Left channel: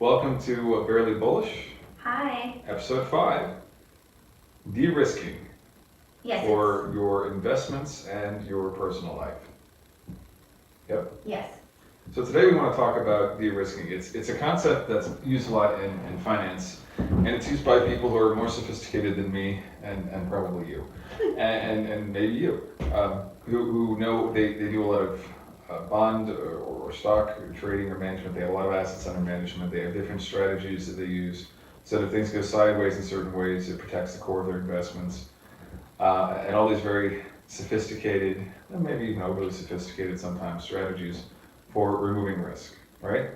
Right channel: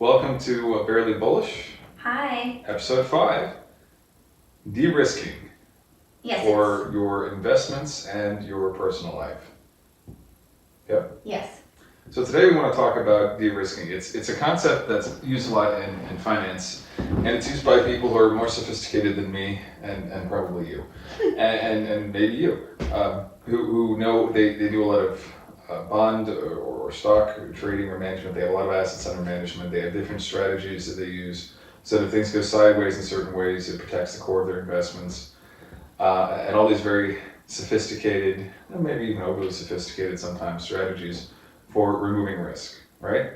Welcome to Barely Bullish, Hi. episode 5, de-risking Yes. for your investments and your personal life. Yep. Yes. So today we want to talk about de-risking. It's a concept that's used a lot in finance, and it's used by people who are more sophisticated than me and probably you, and maybe you, who know they do a lot of bond or stock trading or management. They have a lot of assets under management. They have different strategies that they use. So that if things go sideways in certain ways, it protects the core of their investments. And all these very sophisticated, and maybe even overly sophisticated sometimes, strategies for removing risk, right?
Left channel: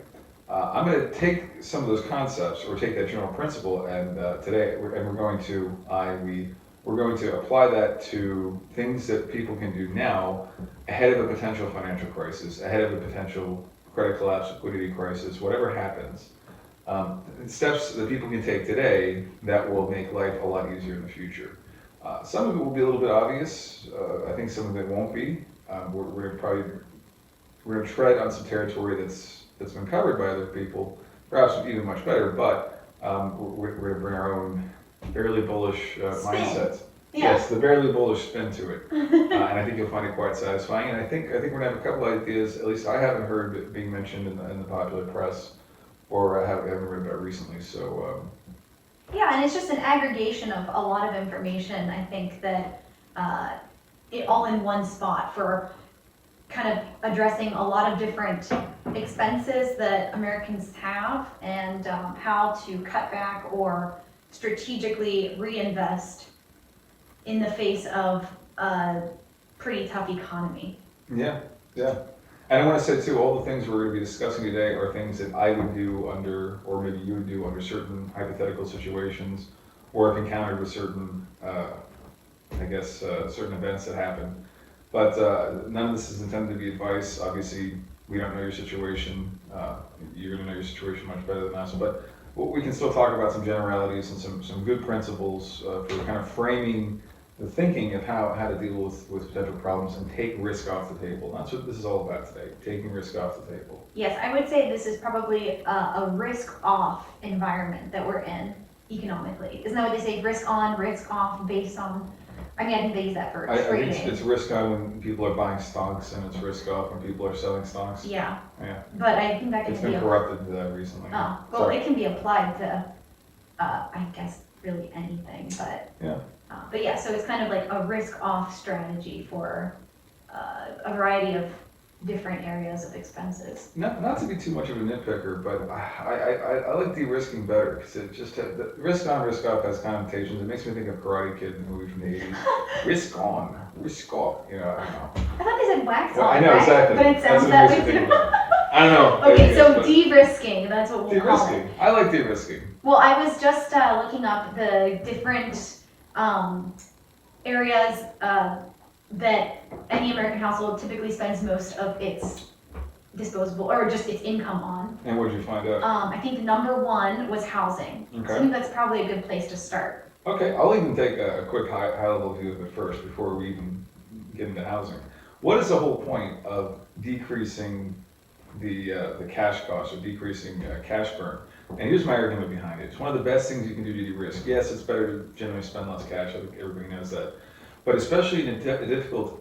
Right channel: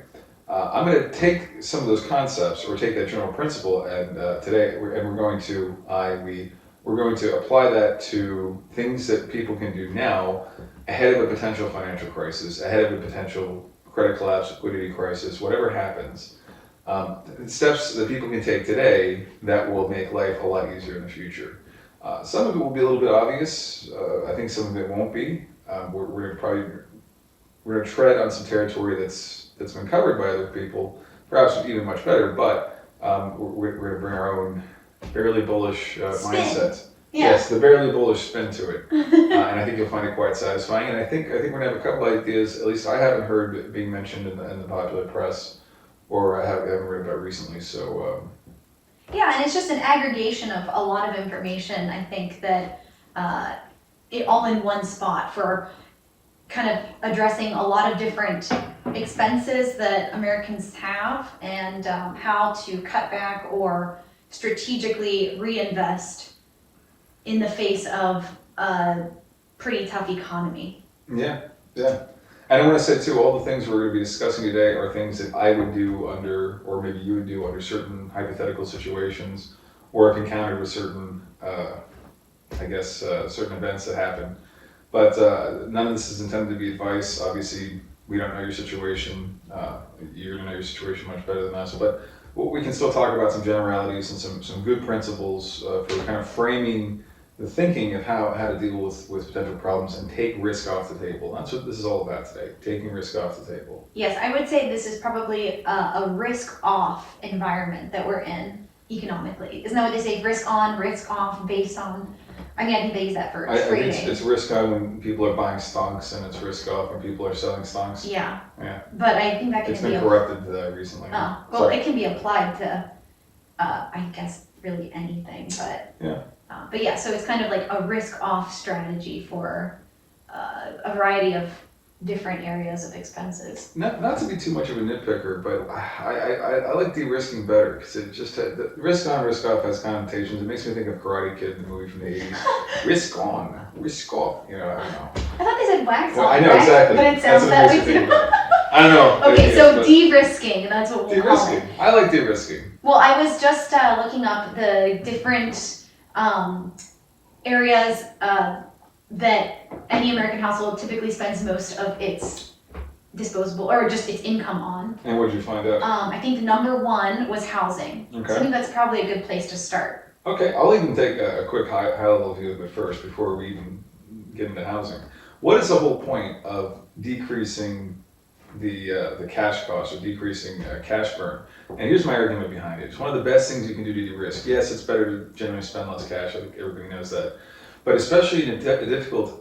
I'm going to take some of those concepts, or take that general principle, and we're going to apply that to things that people can do now ahead of a potential financial crisis, ahead of a potential credit collapse, liquidity crisis, whatever happens. Steps that people can take today that will make life a lot easier in the future. Some of it will be a little bit obvious. I think some of it won't be. We're going to tread on some territory that's been covered by other people, perhaps even much better. But we're going to bring our own barely bullish mindset. Yeah. Yes, the barely bullish spin to it, and I think you'll find it quite satisfying. And I think we're going to have a couple ideas. At least I haven't heard it being mentioned in the popular press, or I haven't read about recently. So. Yeah, and it's just an aggregation of a lot of information. I think that it all in one spot for kind of addressing a lot of different expenses that Americans have, and how to cut back or strategically reinvest in the face of a pretty tough economy. Yeah. And I want to say too, all the things we're going to be discussing today are things that I would do under, or maybe you would do under certain hypothetical situations, or if encountered with certain, certain events that happen. But none of this is intended to be advice. Obviously, we don't know your situation. You're going to know your situation much better than us. But we can still talk about some generalities and some good principles for kind of framing the thinking of how to deal with potential problems and take risk off the table. That's what this is all about today, taking risk off the table. Yes, I would say this is probably a risk-off environment that we're in economically. Isn't that what they say? Risk on, risk off, based on. I think they use that for trading. I think it's risk on when people are buying stocks, and it's risk off when people are selling stocks. Yeah. Yeah. But I think that can It's been corrupted recently. Oh, well, Sorry. It can be applied to, I guess, really anything. But yeah. But yeah, so it's kind of like a risk-off strategy for a variety of different areas of expenses. Not to be too much of a nitpicker, but I like de-risking better, because it just the risk on, risk off has connotations. It makes me think of Karate Kid, the movie from the 80s. Risk on, risk off. I don't know. I thought they said wax on. I know, right? exactly. But it sounds that way. I don't know. Okay, so de-risking, that's what we'll call it. I like de-risking. Well, I was just looking up the different areas that any American household typically spends most of its disposable, or just its income on. And what did you find out? I think number one was housing. Okay. So I think that's probably a good place to start. Okay, I'll even take a quick high-level view of it first before we even get into housing. What is the whole point of decreasing the cash cost, or decreasing cash burn? And here's my argument behind it. It's one of the best things you can do to de-risk. Yes, it's better to generally spend less cash. I think everybody knows that. But especially in a difficult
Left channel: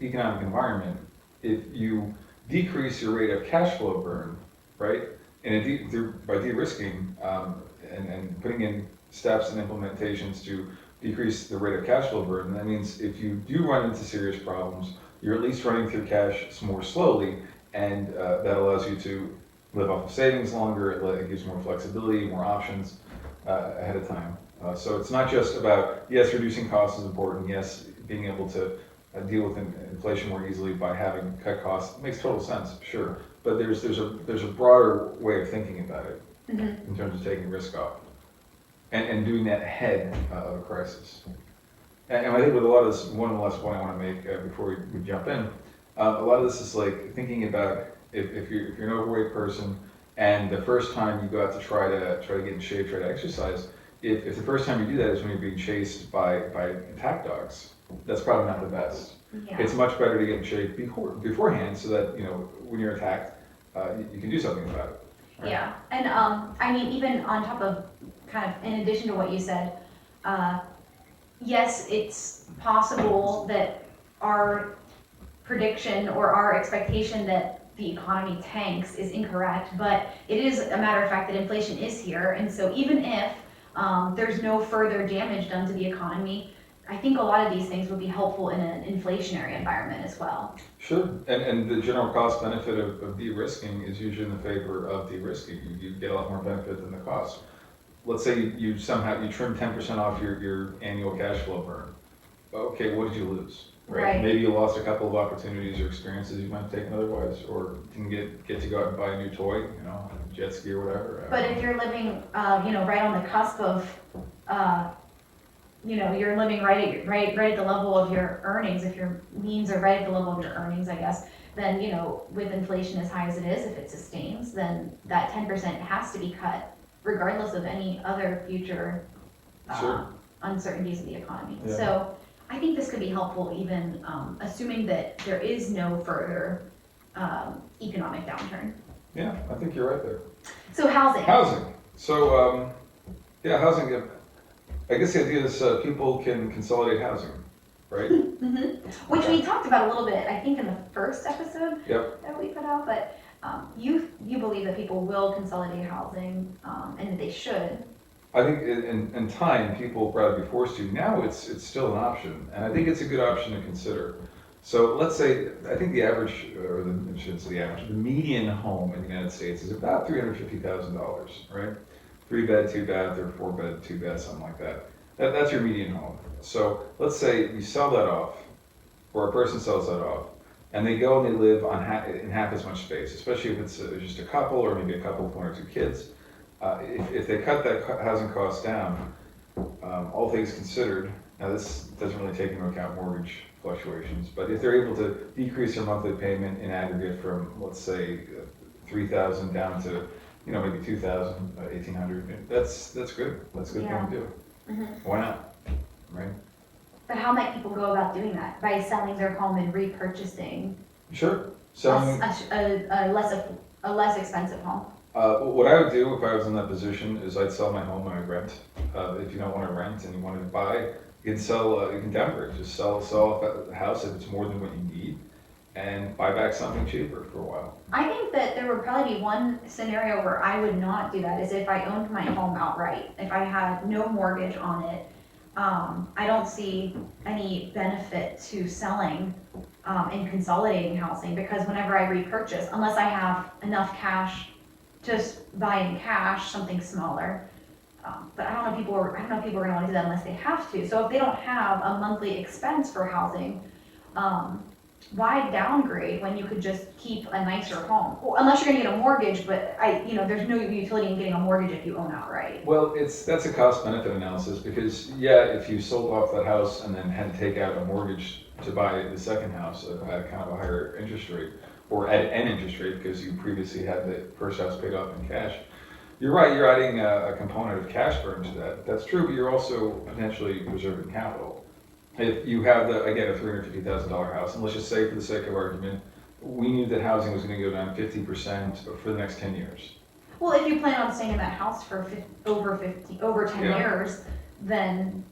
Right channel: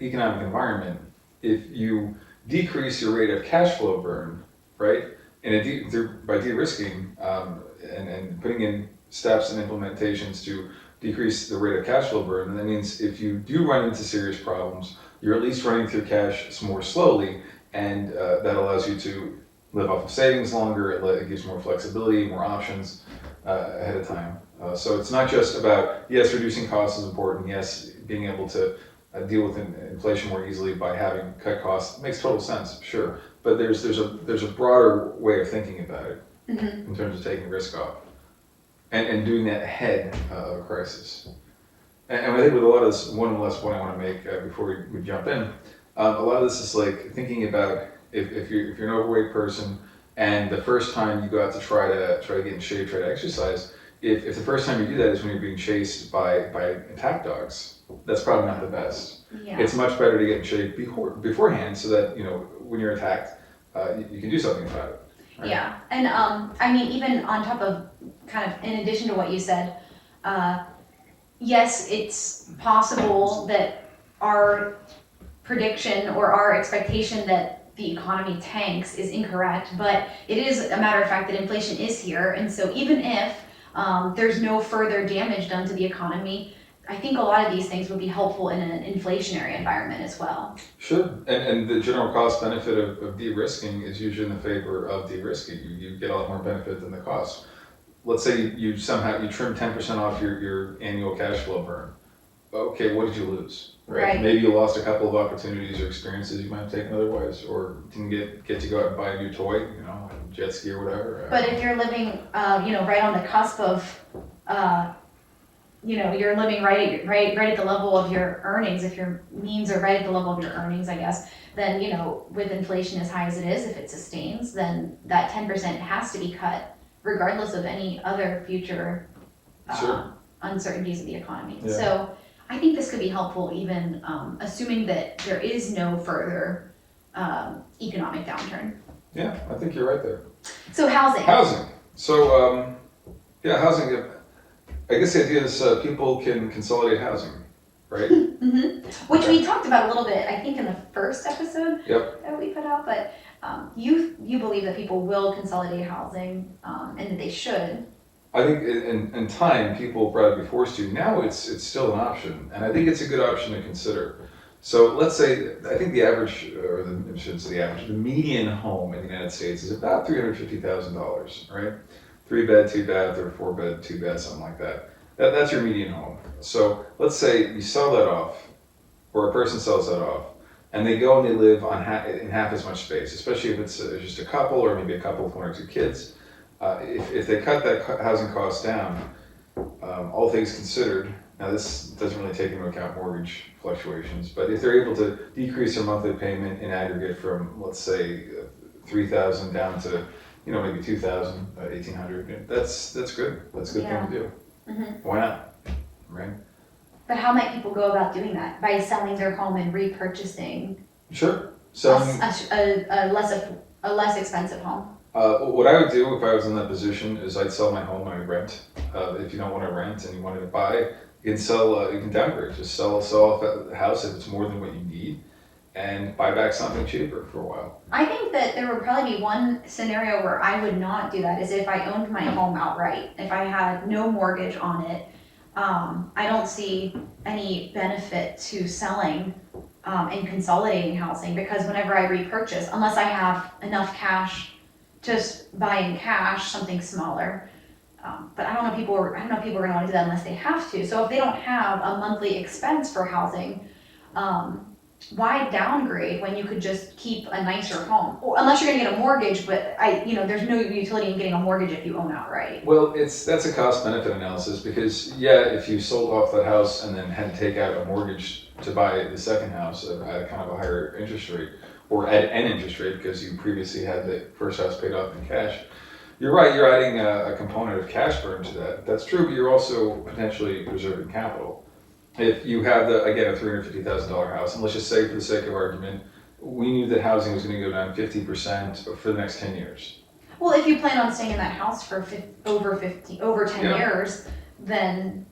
economic environment, if you decrease your rate of cash flow burn, right, by de-risking and putting in steps and implementations to decrease the rate of cash flow burn, that means if you do run into serious problems, you're at least running through cash more slowly, and that allows you to live off of savings longer. It gives more flexibility, more options ahead of time. So it's not just about, yes, reducing costs is important, yes, being able to deal with inflation more easily by having cut costs makes total sense, sure. But there's a broader way of thinking about it in terms of taking risk off and doing that ahead of a crisis. And I think with a lot of this, one last point I want to make before we jump in, a lot of this is like thinking about if you're an overweight person, and the first time you go out to try to get in shape, try to exercise, if the first time you do that is when you're being chased by attack dogs, that's probably not the best. Yeah. It's much better to get in shape beforehand, so that when you're attacked, you can do something about it. right? Yeah, and I mean, even on top of kind of in addition to what you said, yes, it's possible that our prediction or our expectation that the economy tanks is incorrect, but it is a matter of fact that inflation is here, and so even if there's no further damage done to the economy, I think a lot of these things would be helpful in an inflationary environment as well. Sure, and the general cost benefit of de-risking is usually in the favor of de-risking. You get a lot more benefit than the cost. Let's say you somehow you trim 10% off your annual cash flow burn. Okay, what did you lose? Right. Maybe you lost a couple of opportunities or experiences you might have taken otherwise, or didn't get to go out and buy a new toy, a jet ski or whatever. But if you're living, right on the cusp of, you're living right at the level of your earnings, if your means are right at the level of your earnings, I guess, then, with inflation as high as it is, if it sustains, then that 10% has to be cut regardless of any other future Sure. uncertainties of the economy. Yeah. So I think this could be helpful even assuming that there is no further economic downturn. Yeah, I think you're right there. So housing. Housing. So, housing. I guess the idea is people can consolidate housing, right? Which we talked about a little bit, I think, in the first episode that we put out. But you believe that people will consolidate housing and that they should. I think in time people will probably be forced to. Now it's still an option, and I think it's a good option to consider. So let's say I think the average, or I shouldn't say the average, the median home in the United States is about $350,000, right? 3-bed, 2-bath, or 4-bed, 2-bath, something like that. That's your median home. So let's say you sell that off, or a person sells that off, and they go and they live on in half as much space, especially if it's just a couple, or maybe a couple with 1 or 2 kids. If they cut that housing cost down, all things considered, now this doesn't really take into account mortgage fluctuations, but if they're able to decrease their monthly payment in aggregate from, let's say, $3,000 down to, maybe $2,000, $1,800, that's good. That's a good thing to do. Why not, right? But how might people go about doing that? By selling their home and repurchasing Sure. Selling a less expensive home. What I would do if I was in that position is I'd sell my home and I'd rent. If you don't want to rent and you wanted to buy, you can sell. You can downgrade. Just sell off the house if it's more than what you need, and buy back something cheaper for a while. I think that there would probably be one scenario where I would not do that, is if I owned my home outright. If I had no mortgage on it, I don't see any benefit to selling and consolidating housing, because whenever I repurchase, unless I have enough cash to buy in cash something smaller, but I don't know if people are going to want to do that unless they have to. So if they don't have a monthly expense for housing, why downgrade when you could just keep a nicer home? Well, unless you're going to get a mortgage, but there's no utility in getting a mortgage if you own outright. Well, that's a cost benefit analysis, because if you sold off that house and then had to take out a mortgage to buy the second house at kind of a higher interest rate, or at an interest rate because you previously had the first house paid off in cash, you're right, you're adding a component of cash burn to that. That's true, but you're also potentially preserving capital. If you have, a $350,000 house, and let's just say for the sake of argument, we knew that housing was going to go down 50% for the next 10 years. Well, if you plan on staying in that house for over 10 years, then,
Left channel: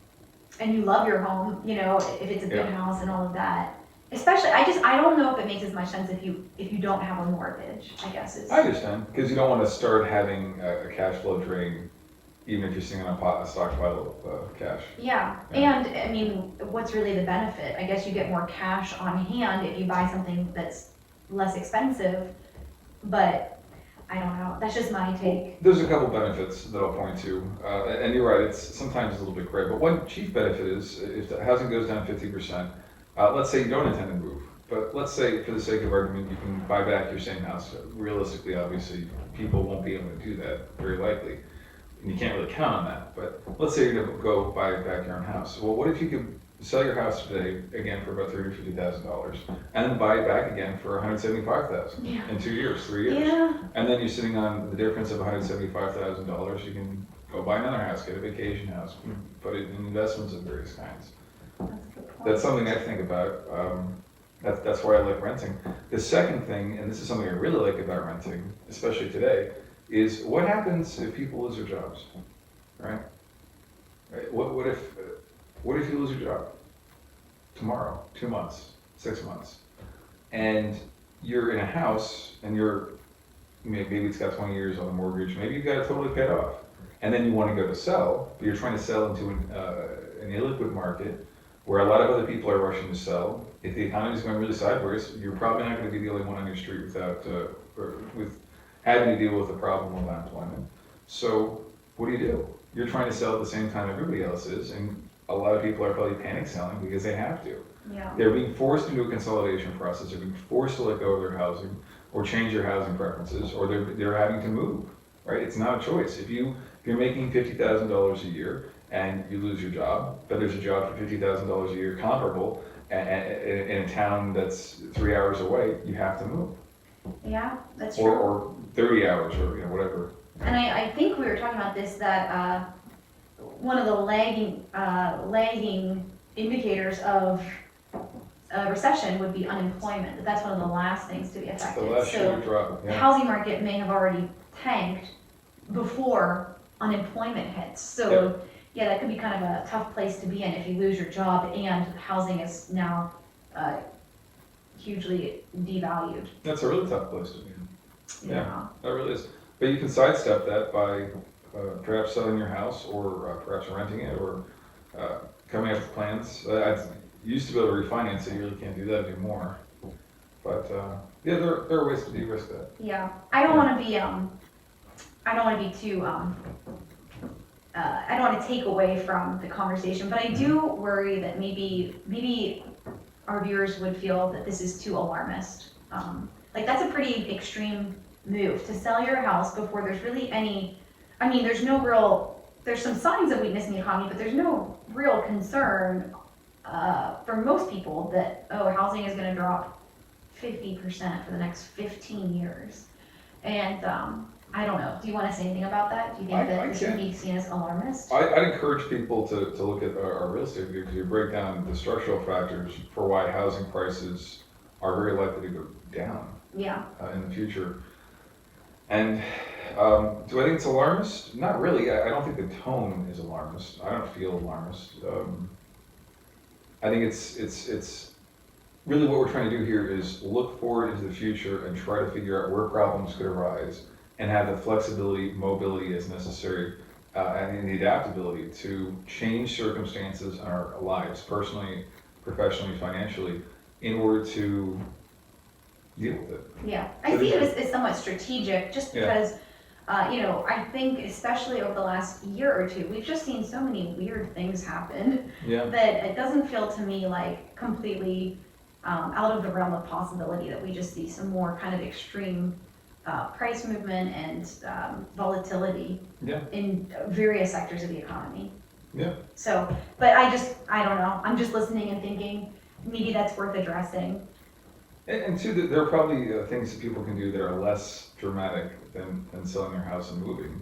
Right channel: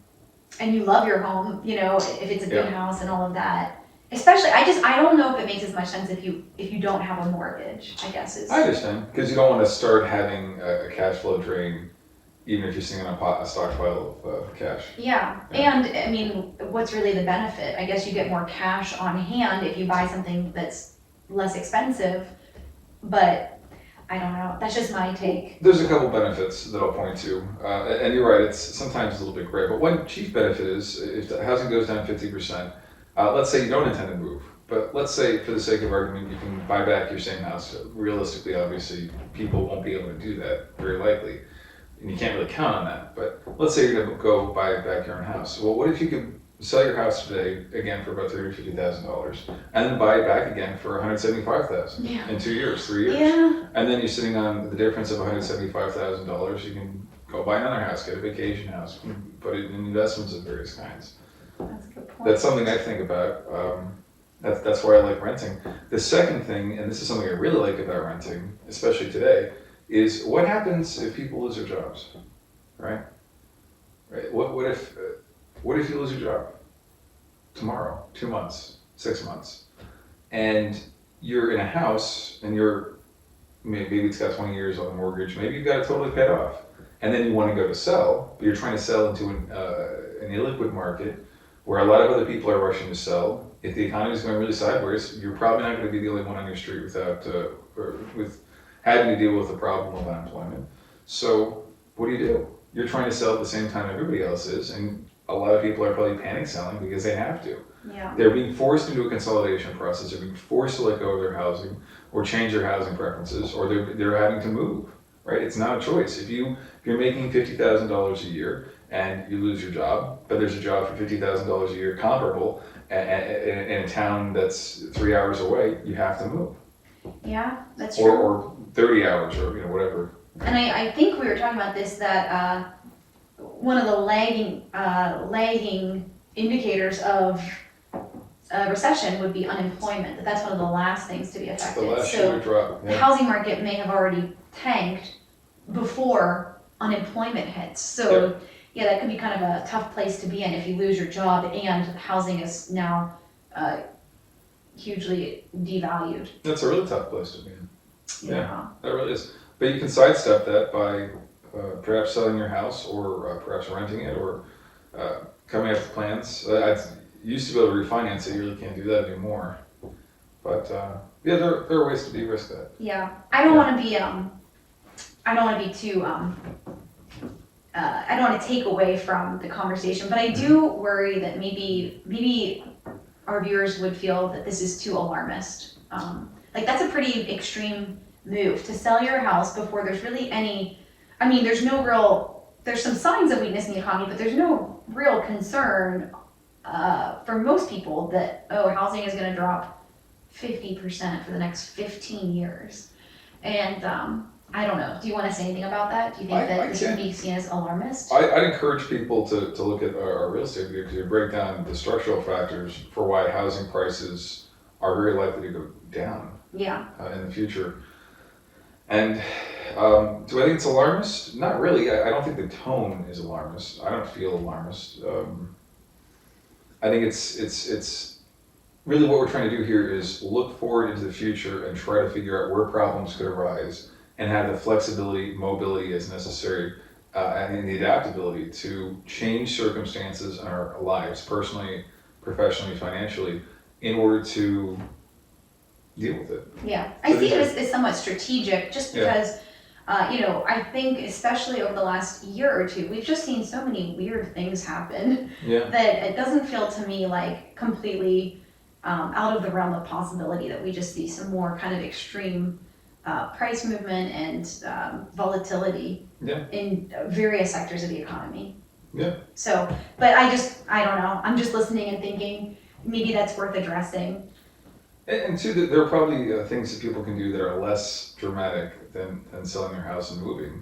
and you love your home, if it's a good house and all of that. Especially, I don't know if it makes as much sense if you don't have a mortgage, I guess is. I understand, because you don't want to start having a cash flow drain, even if you're sitting on a stockpile of cash. Yeah, and I mean, what's really the benefit? I guess you get more cash on hand if you buy something that's less expensive, but I don't know, that's just my take. There's a couple benefits that I'll point to, and you're right, it's sometimes a little bit gray, but one chief benefit is if the housing goes down 50%, let's say you don't intend to move, but let's say for the sake of argument you can buy back your same house. Realistically, obviously, people won't be able to do that, very likely, and you can't really count on that, but let's say you're going to go buy back your own house. Well, what if you could sell your house today, again, for about $350,000, and then buy it back again for $175,000 in 2 years, 3 years? Yeah. And then you're sitting on the difference of $175,000. You can go buy another house, get a vacation house, put it in investments of various kinds. That's a good point. That's something I think about. That's why I like renting. The second thing, and this is something I really like about renting, especially today, is what happens if people lose their jobs, right? Right? What if you lose your job tomorrow, 2 months, 6 months, and you're in a house and maybe it's got 20 years on the mortgage, maybe you've got it totally paid off, and then you want to go to sell, but you're trying to sell into an illiquid market where a lot of other people are rushing to sell. If the economy is going really sideways, you're probably not going to be the only one on your street with having to deal with the problem of unemployment. So what do? You're trying to sell at the same time everybody else is, and a lot of people are probably panic selling because they have to. Yeah. They're being forced into a consolidation process. They're being forced to let go of their housing or change their housing preferences, or they're having to move. Right? It's not a choice. If you're making $50,000 a year and you lose your job, but there's a job for $50,000 a year comparable in a town that's 3 hours away, you have to move. Yeah, that's true. Or 30 hours, or whatever. And I think we were talking about this, that one of the lagging indicators of recession would be unemployment. That's one of the last things to be affected. The last shoe to drop. The housing market may have already tanked before unemployment hits. So yeah, that could be kind of a tough place to be in if you lose your job and housing is now hugely devalued. That's a really tough place to be in. Yeah. That really is. But you can sidestep that by perhaps selling your house, or perhaps renting it, or coming up with plans. I used to be able to refinance it. You really can't do that anymore. But there are ways to de-risk that. Yeah, I don't want to be I don't want to be too I don't want to take away from the conversation, but I do worry that maybe our viewers would feel that this is too alarmist. Like, that's a pretty extreme move to sell your house before there's really any, I mean, there's some signs of weakness in the economy, but there's no real concern for most people that, housing is going to drop 50% for the next 15 years. And I don't know. Do you want to say anything about that? Do you think that this would be seen as alarmist? I'd encourage people to look at our real estate view, because you break down the structural factors for why housing prices are very likely to go down in the future. And do I think it's alarmist? Not really. I don't think the tone is alarmist. I don't feel alarmist. I think it's really what we're trying to do here is look forward into the future and try to figure out where problems could arise, and have the flexibility, mobility as necessary, and the adaptability to change circumstances in our lives, personally, professionally, financially, in order to deal with it. Yeah, I see it as somewhat strategic, just because, I think especially over the last year or two, we've just seen so many weird things happen that it doesn't feel to me like completely out of the realm of possibility that we just see some more kind of extreme price movement and volatility in various sectors of the economy. Yeah. So, but I don't know. I'm just listening and thinking maybe that's worth addressing. And two, there are probably things that people can do that are less dramatic than selling their house and moving.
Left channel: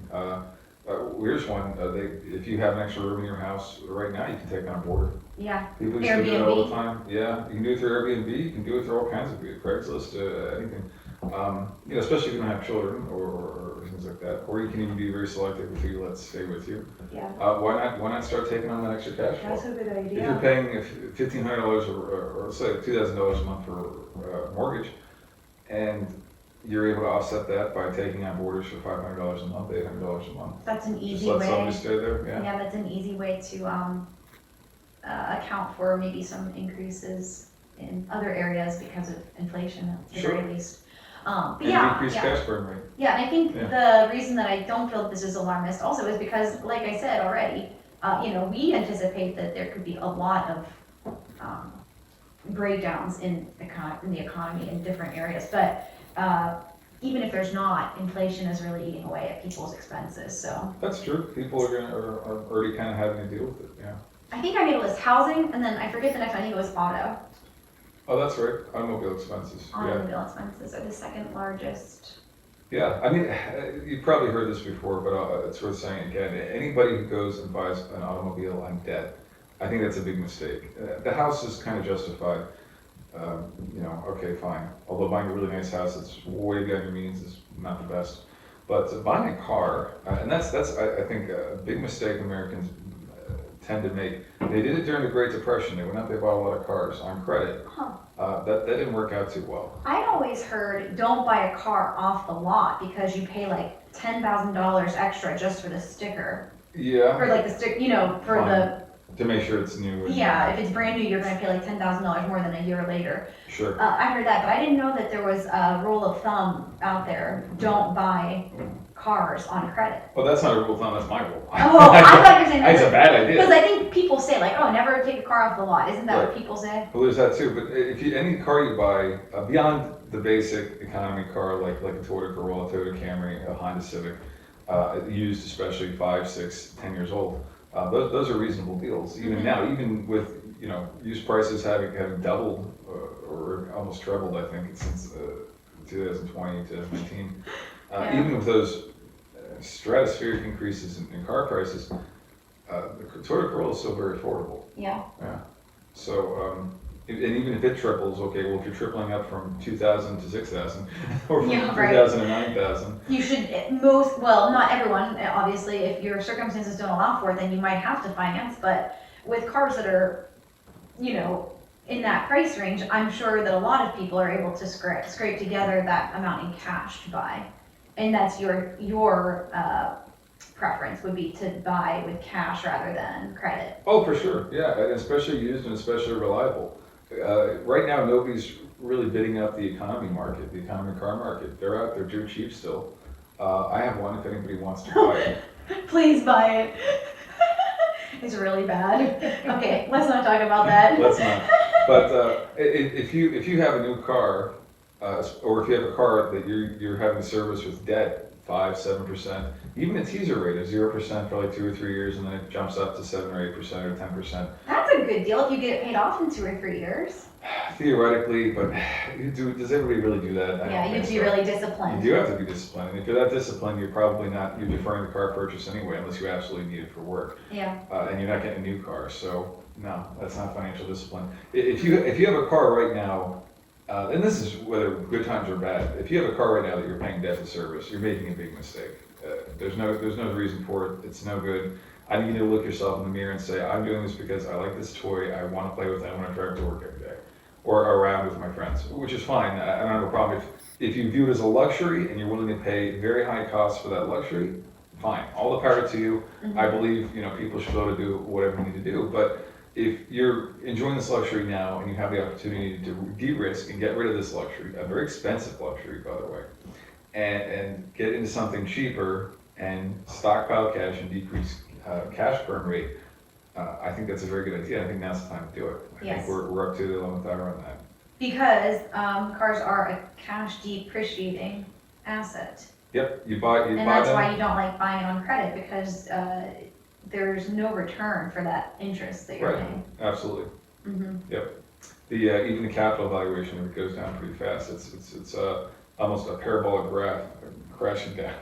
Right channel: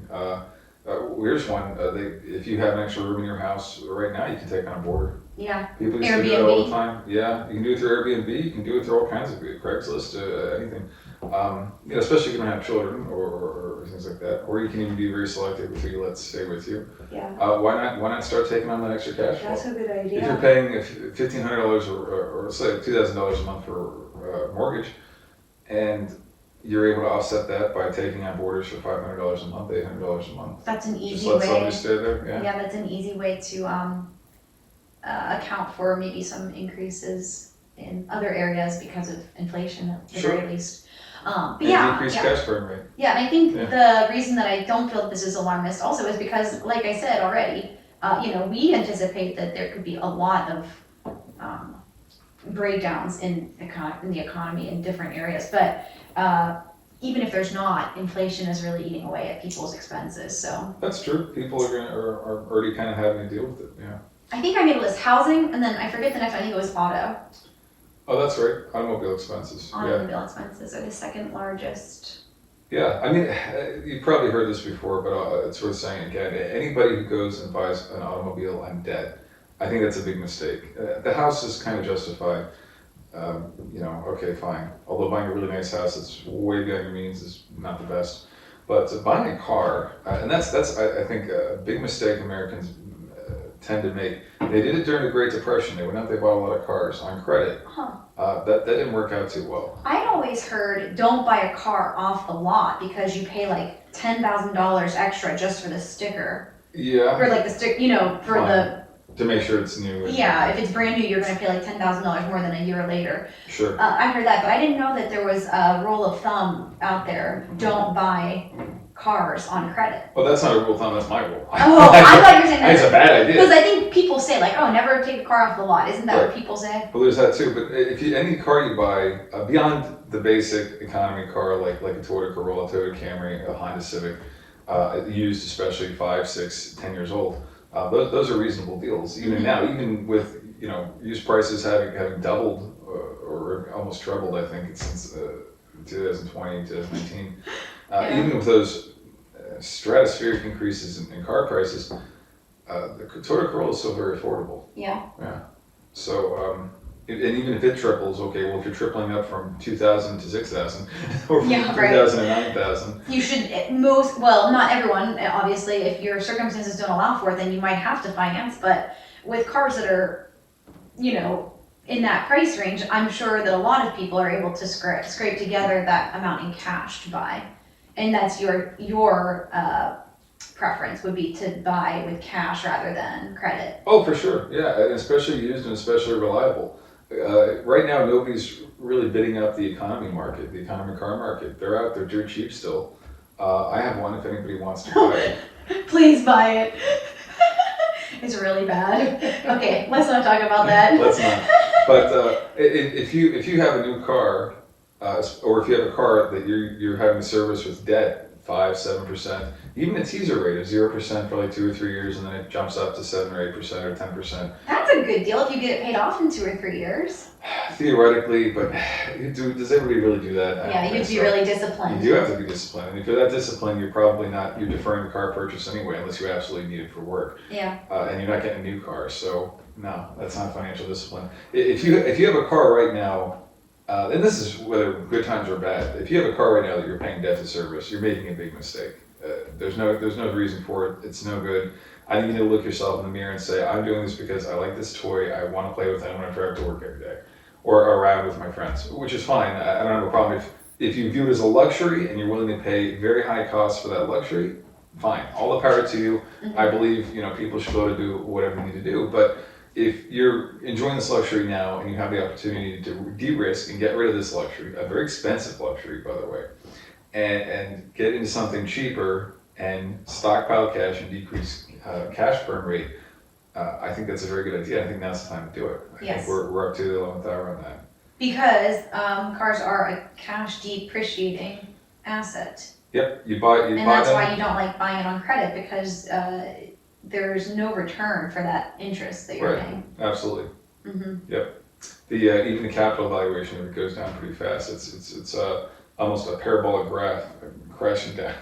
Here's one. If you have an extra room in your house right now, you can take on a boarder. Yeah. People used to do that all the time. Yeah, you can do it through Airbnb. You can do it through all kinds of Craigslist, anything. Especially if you don't have children or things like that. Or you can even be very selective with who you let stay with you. Yeah. Why not start taking on that extra cash flow? That's a good idea. If you're paying $1,500 or say $2,000 a month for mortgage, and you're able to offset that by taking on boarders for $500 a month, $800 a month. That's an easy Just let way. somebody stay there. Yeah, that's an easy way to account for maybe some increases in other areas because of inflation at the very least. But and decrease cash burn rate. Yeah, and I think the reason that I don't feel that this is alarmist also is because, like I said already, we anticipate that there could be a lot of breakdowns in the economy in different areas. But even if there's not, inflation is really eating away at people's expenses. So that's true. People are already kind of having to deal with it. Yeah. I think I made a list: housing, and then I forget the next one. I think it was auto. Oh, that's right. Automobile expenses. Automobile expenses are the second largest. Yeah, I mean, you've probably heard this before, but it's worth saying again. Anybody who goes and buys an automobile on debt, I think that's a big mistake. The house is kind of justified. Okay, fine. Although buying a really nice house that's way beyond your means is not the best. But buying a car, and that's I think a big mistake Americans tend to make. They did it during the Great Depression. They went out, they bought a lot of cars on credit. Huh. That didn't work out too well. I'd always heard don't buy a car off the lot because you pay like $10,000 extra just for the sticker. Yeah. Or like the stick, for Fine. the, To make sure it's new. yeah, if it's brand new, you're gonna pay like $10,000 more than a year later. Sure. I heard that, but I didn't know that there was a rule of thumb out there, don't buy cars on credit. Well, that's not a rule of thumb, that's my rule. Oh, I thought you were saying that. It's a bad Because idea. I think people say like, oh, never take a car off the lot. Isn't that Right. what people say? Well, there's that too, but if any car you buy, beyond the basic economy car, like a Toyota Corolla, Toyota Camry, a Honda Civic, used especially 5, 6, 10 years old, those are reasonable deals. Even now, even with, used prices having doubled or almost trebled, I think, since 2020, 2019. Yeah. Even with those stratospheric increases in car prices, the Toyota Corolla is still very affordable. Yeah. Yeah. So, and even if it triples, okay, well, if you're tripling up from 2,000 to 6,000, or from Yeah, right. 3,000 to 9,000. You should, well, not everyone, obviously, if your circumstances don't allow for it, then you might have to finance, but with cars that are, in that price range, I'm sure that a lot of people are able to scrape together that amount in cash to buy. And that's your preference would be to buy with cash rather than credit. Oh, for sure, yeah, and especially used and especially reliable. Right now, nobody's really bidding up the economy market, the economy car market. They're out there dirt cheap still. I have one if anybody wants to buy it. Please buy it. It's really bad. Okay, let's not talk about that. Let's not. But if you have a new car, or if you have a car that you're having service with debt, 5-7%, even a teaser rate of 0% for like 2 or 3 years, and then it jumps up to 7 or 8% or 10%. That's a good deal if you get it paid off in 2 or 3 years. Theoretically, but does everybody really do that? I Yeah, don't you'd think be so. really disciplined. You do have to be disciplined, and if you're that disciplined, you're probably not. You're deferring the car purchase anyway, unless you absolutely need it for work. Yeah. And you're not getting a new car, so no, that's not financial discipline. If you have a car right now, and this is whether good times or bad, if you have a car right now that you're paying debt to service, you're making a big mistake. There's no reason for it. It's no good. I think you need to look yourself in the mirror and say, I'm doing this because I like this toy. I want to play with it. I'm going to drive to work every day, or around with my friends, which is fine. I don't have a problem if you view it as a luxury and you're willing to pay very high costs for that luxury. Fine, all the power to you. Mm-hmm. I believe people should be able to do whatever they need to do, but if you're enjoying this luxury now and you have the opportunity to de-risk and get rid of this luxury, a very expensive luxury, by the way, and get into something cheaper and stockpile cash and decrease cash burn rate, I think that's a very good idea. I think now's the time to do it. I Yes. think we're up to the 11th hour on that. Because cars are a cash depreciating asset. Yep, you buy And that's them. why you don't like buying it on credit, because there's no return for that interest that you're Right. paying. Absolutely. Mm-hmm. Even the capital valuation of it goes down pretty fast. It's almost a parabolic graph crashing down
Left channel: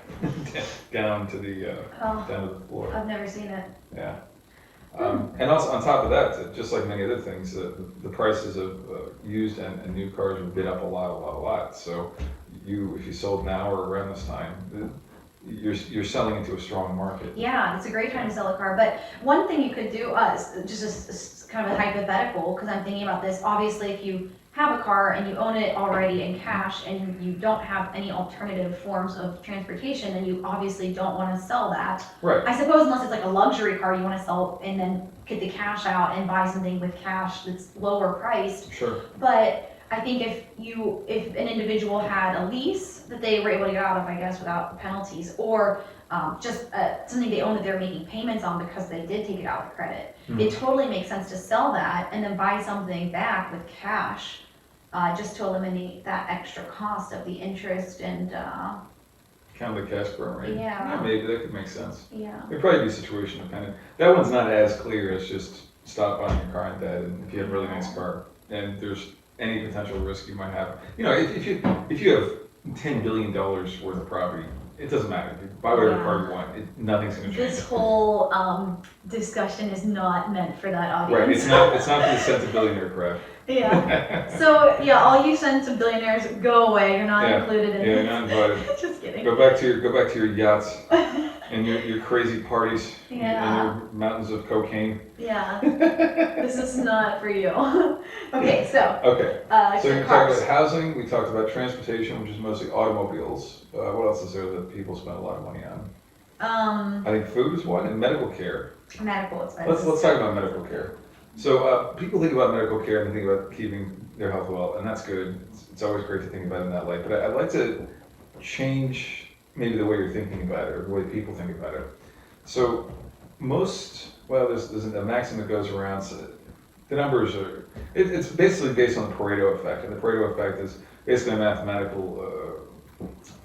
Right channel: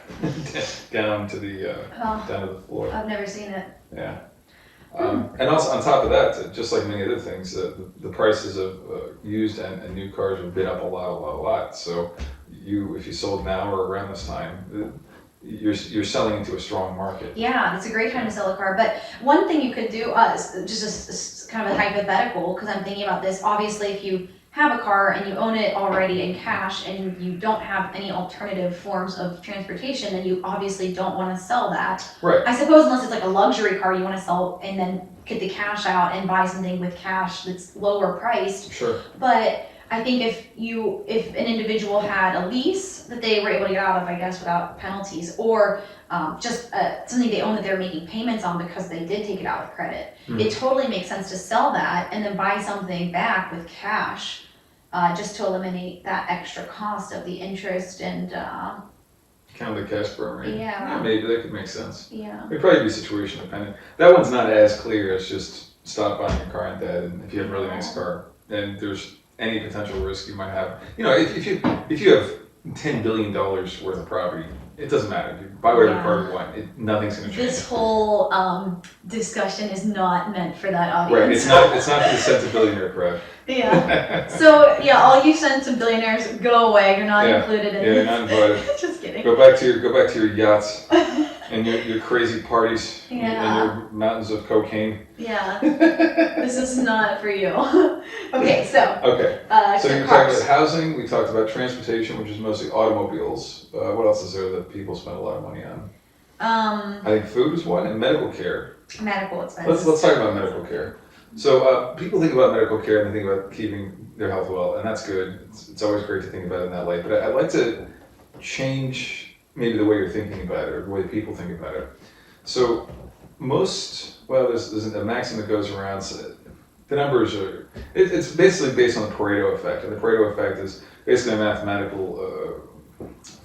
down to the down to the floor. I've never seen it. Yeah. And also on top of that, just like many other things, the prices of used and new cars have been up a lot. So if you sold now or around this time, you're selling into a strong market. Yeah, it's a great time to sell a car. But one thing you could do, just kind of a hypothetical, because I'm thinking about this. Obviously, if you have a car and you own it already in cash and you don't have any alternative forms of transportation, then you obviously don't want to sell that. Right. I suppose unless it's like a luxury car you want to sell and then get the cash out and buy something with cash that's lower priced. Sure. But I think if an individual had a lease that they were able to get out of, I guess, without penalties, or just something they own that they're making payments on because they did take it out with credit, it totally makes sense to sell that and then buy something back with cash, just to eliminate that extra cost of the interest and Kind of the cash burn rate. Yeah. Maybe that could make sense. yeah. It'd probably be situation dependent. That one's not as clear as just stop buying your car in debt, and if you have a really nice car, and there's any potential risk you might have. If you have $10 billion worth of property, it doesn't matter. You buy whatever Yeah. car you want. Nothing's going to change. This whole discussion is not meant for that audience. Right. It's not for the sense of billionaire crowd. Yeah. So yeah, all you sons of billionaires, go away. You're not Yeah. included in Yeah, this. not invited. Just kidding. Go back to your yachts and your crazy parties and Yeah. your mountains of cocaine. Yeah. This is not for you. Okay, so Okay. So you're talking cars. about housing. We talked about transportation, which is mostly automobiles. What else is there that people spend a lot of money on? I think food is one, and medical care. Medical expenses. Let's talk about medical care. So people think about medical care and they think about keeping their health well, and that's good. It's always great to think about it in that light. But I'd like to change maybe the way you're thinking about it or the way people think about it. So there's a maxim that goes around. So the numbers are, it's basically based on the Pareto effect, and the Pareto effect is basically a mathematical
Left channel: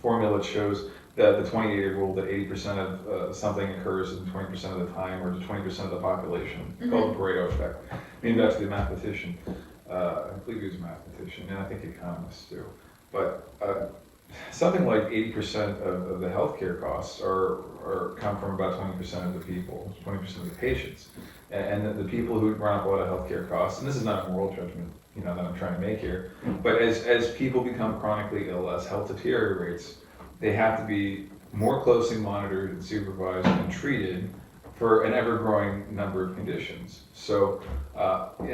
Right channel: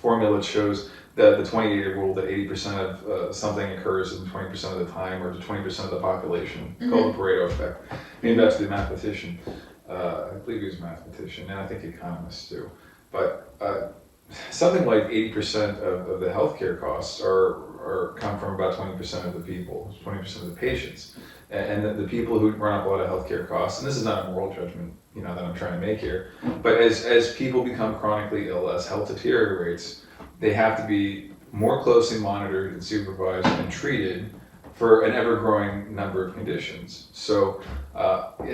formula that shows that the 20-80 rule, that 80% of something occurs in 20% of the time, or to 20% of the population, called the Pareto effect. Named after the mathematician. I believe he was a mathematician, and I think economists too. But something like 80% of the healthcare costs come from about 20% of the people, 20% of the patients. And the people who run up a lot of healthcare costs, and this is not a moral judgment, that I'm trying to make here, but as people become chronically ill, as health deteriorates, they have to be more closely monitored and supervised and treated for an ever-growing number of conditions. So, and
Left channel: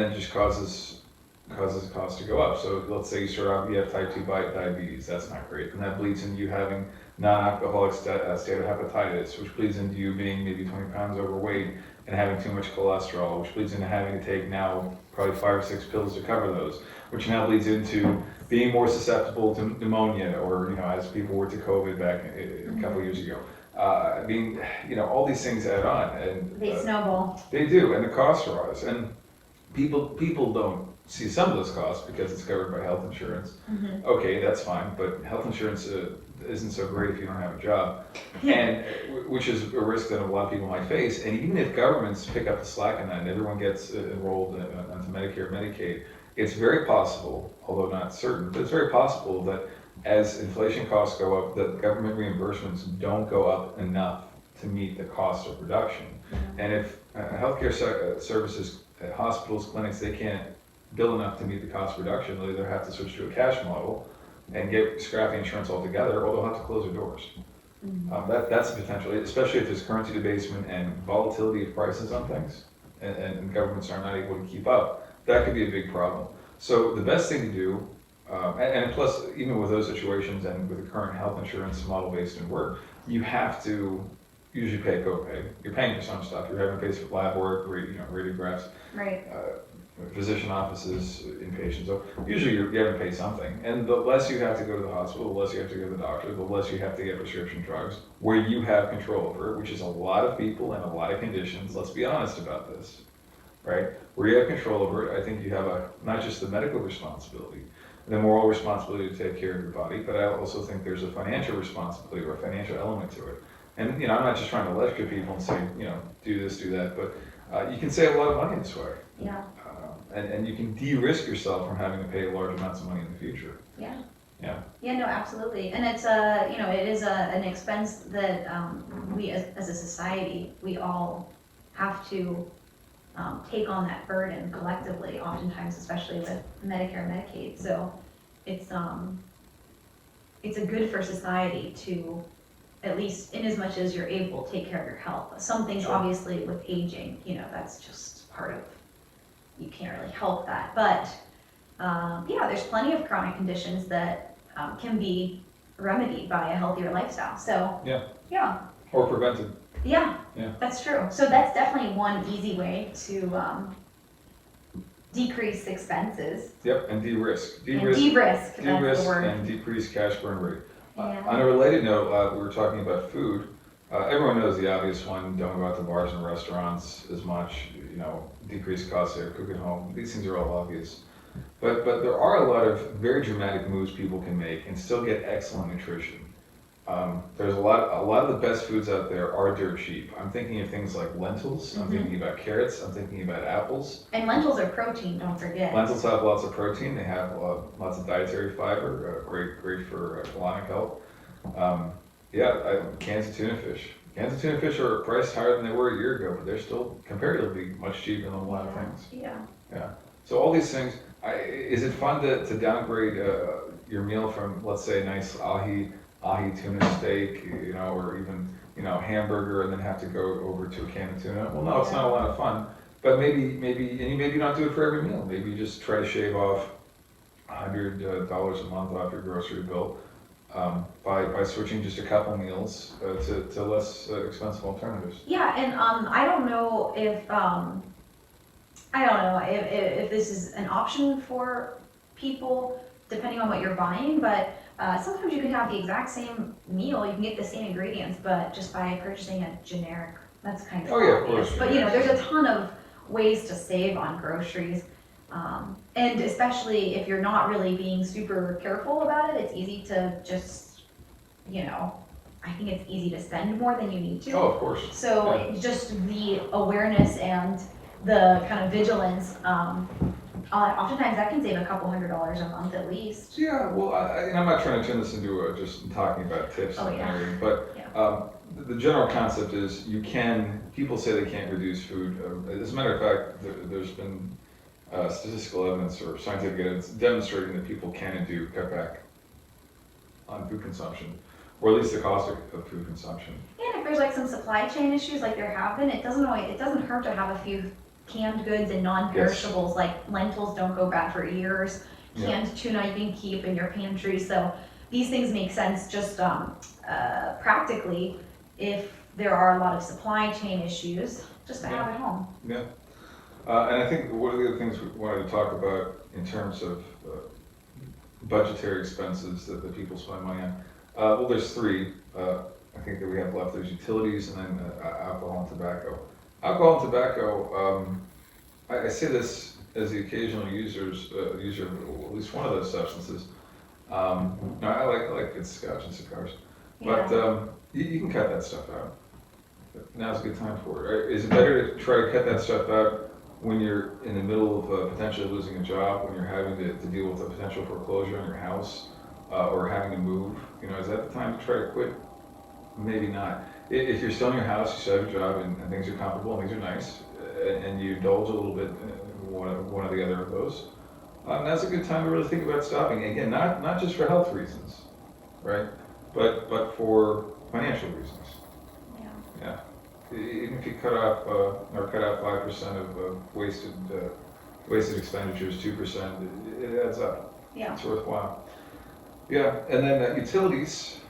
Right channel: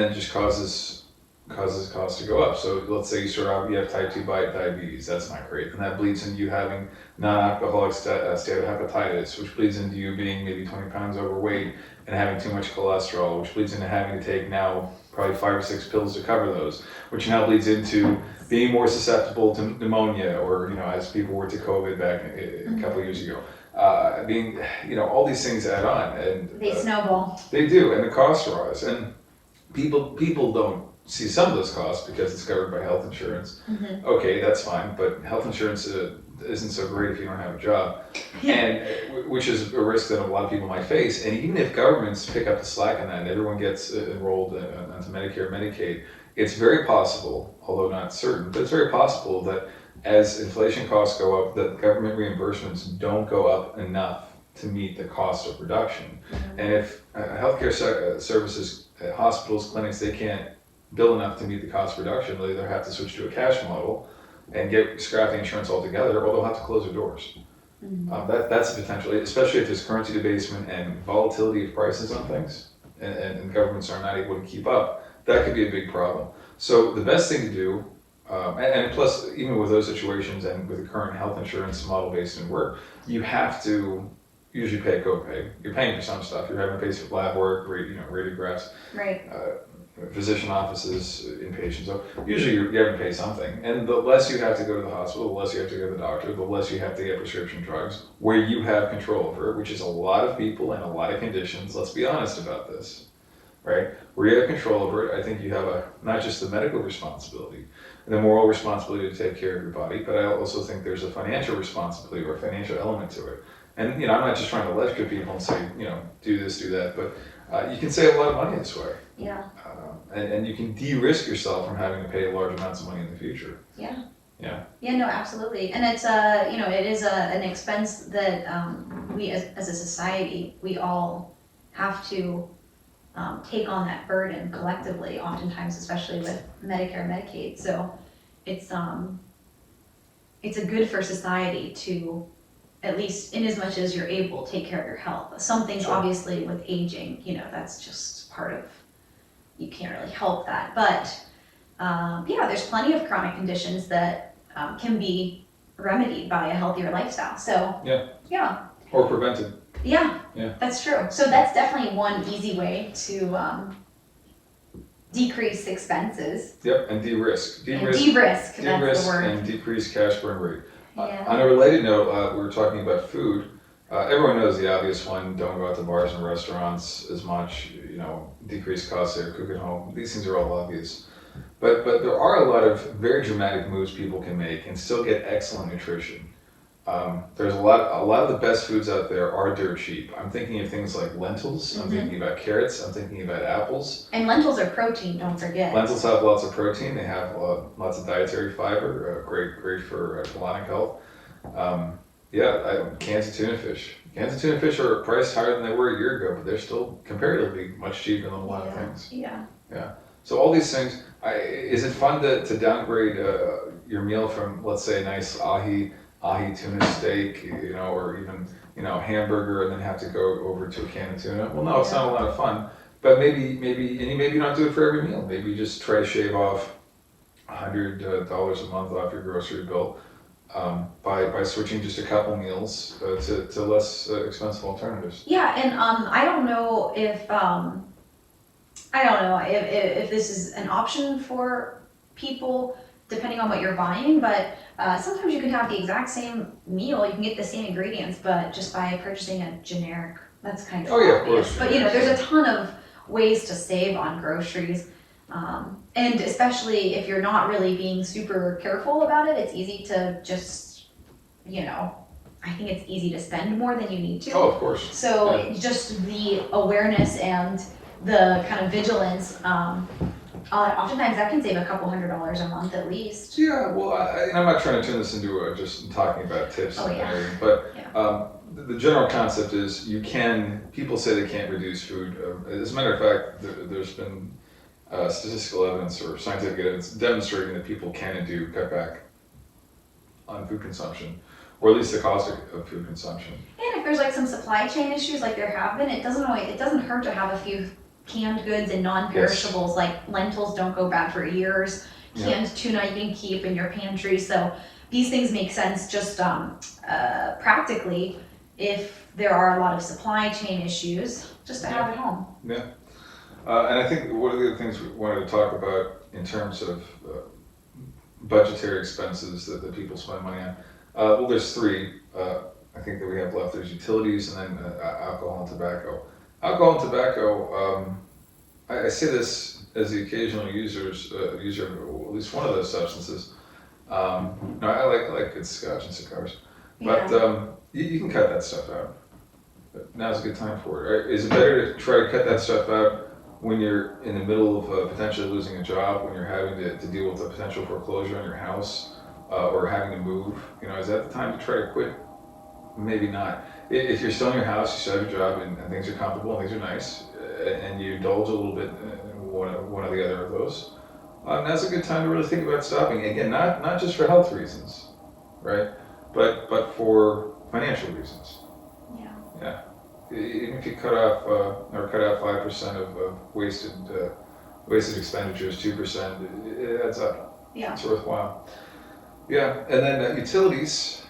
then just causes costs to go up. So let's say you have type 2 diabetes, that's not great. And that bleeds into you having non-alcoholic steatohepatitis, which bleeds into you being maybe 20 pounds overweight and having too much cholesterol, which bleeds into having to take now probably 5 or 6 pills to cover those, which now bleeds into being more susceptible to pneumonia, or, as people were to COVID back a couple of years ago. All these things add on, and They snowball. They do, and the costs rise, and people don't see some of those costs because it's covered by health insurance. Okay, that's fine, but health insurance isn't so great if you don't have a job, and which is a risk that a lot of people might face. And even if governments pick up the slack in that and everyone gets enrolled into Medicare, Medicaid, it's very possible, although not certain, but it's very possible that as inflation costs go up, that government reimbursements don't go up enough to meet the cost of production. And if healthcare services, hospitals, clinics, they can't bill enough to meet the cost of production, they'll either have to switch to a cash model and scrap the insurance altogether, or they'll have to close their doors. That's a potential, especially if there's currency debasement and volatility of prices on things, and governments are not able to keep up. That could be a big problem. So the best thing to do, and plus, even with those situations and with the current health insurance model based in work, you have to usually pay a copay. You're paying for some stuff. You're having to pay for lab work, radiographs, Right. Physician offices, inpatients. So usually you're having to pay something. And the less you have to go to the hospital, the less you have to go to the doctor, the less you have to get prescription drugs, where you have control over it, which is a lot of people and a lot of conditions. Let's be honest about this, right? Where you have control over it, I think you have not just the medical responsibility, and the moral responsibility to take care of your body, but I also think there's a financial responsibility or a financial element to it. And I'm not just trying to lecture people and say, do this, do that, but you can save a lot of money this way. Yeah. And you can de-risk yourself from having to pay large amounts of money in the future. Yeah. Yeah. Yeah, no, absolutely. And it's it is an expense that we as a society, we all have to take on that burden collectively, oftentimes, especially with Medicare and Medicaid. So it's a good for society to, at least in as much as you're able, take care of your health. Some things, Sure. obviously, with aging, that's just part of, you can't really help that. But, there's plenty of chronic conditions that can be remedied by a healthier lifestyle. So, yeah. Or prevented. Yeah, Yeah. that's true. So that's definitely one easy way to decrease expenses. Yep, and de-risk. De-risk, that's the word. And decrease cash burn rate. Yeah. On a related note, we were talking about food. Everyone knows the obvious one: don't go out to bars and restaurants as much. Decrease costs there, cook at home. These things are all obvious. But there are a lot of very dramatic moves people can make and still get excellent nutrition. There's a lot of the best foods out there are dirt cheap. I'm thinking of things like lentils. I'm thinking about carrots. I'm thinking about apples. And lentils are protein, don't forget. Lentils have lots of protein. They have lots of dietary fiber. Great for colonic health. Cans of tuna fish. Cans of tuna fish are priced higher than they were a year ago, but they're still comparatively much cheaper than a lot of things. Yeah. So all these things, is it fun to downgrade your meal from, let's say, a nice ahi tuna steak, or even, hamburger, and then have to go over to a can of tuna? Well, no, it's not a lot of fun. But maybe, and you maybe not do it for every meal. Maybe you just try to shave off $100 a month off your grocery bill by switching just a couple meals to less expensive alternatives. Yeah, and I don't know if if this is an option for people depending on what you're buying, but sometimes you can have the exact same meal, you can get the same ingredients, but just by purchasing a generic, that's kind of obvious. But there's a ton of ways to save on groceries. And especially if you're not really being super careful about it, it's easy to just, I think it's easy to spend more than you need to. Oh, of course. So just the awareness and the kind of vigilance, oftentimes that can save a couple $100s a month at least. Yeah, well, I'm not trying to turn this into just talking about tips and everything, but the general concept is people say they can't reduce food. As a matter of fact, there's been statistical evidence or scientific evidence demonstrating that people can and do cut back on food consumption, or at least the cost of food consumption. And if there's like some supply chain issues like there have been, it doesn't hurt to have a few canned goods and non-perishables. Like lentils don't go bad for years. Canned tuna you can keep in your pantry. So these things make sense just practically if there are a lot of supply chain issues, just to have at home. Yeah. And I think one of the other things we wanted to talk about in terms of budgetary expenses that people spend money on, well, there's three I think that we have left. There's utilities and then alcohol and tobacco. Alcohol and tobacco, I say this as the occasional user of at least one of those substances. No, I like good scotch and cigars, but you can cut that stuff out. But now's a good time for it. Is it better to try to cut that stuff out when you're in the middle of potentially losing a job, when you're having to deal with a potential foreclosure on your house, or having to move? Is that the time to try to quit? Maybe not. If you're still in your house, you still have your job, and things are comfortable, and things are nice, and you indulge a little bit in one or the other of those, now's a good time to really think about stopping. Again, not just for health reasons, right? But for financial reasons. Yeah. Even if you cut out 5% of wasted expenditures, 2%, it adds up. Yeah. It's worthwhile. Yeah, and then utilities.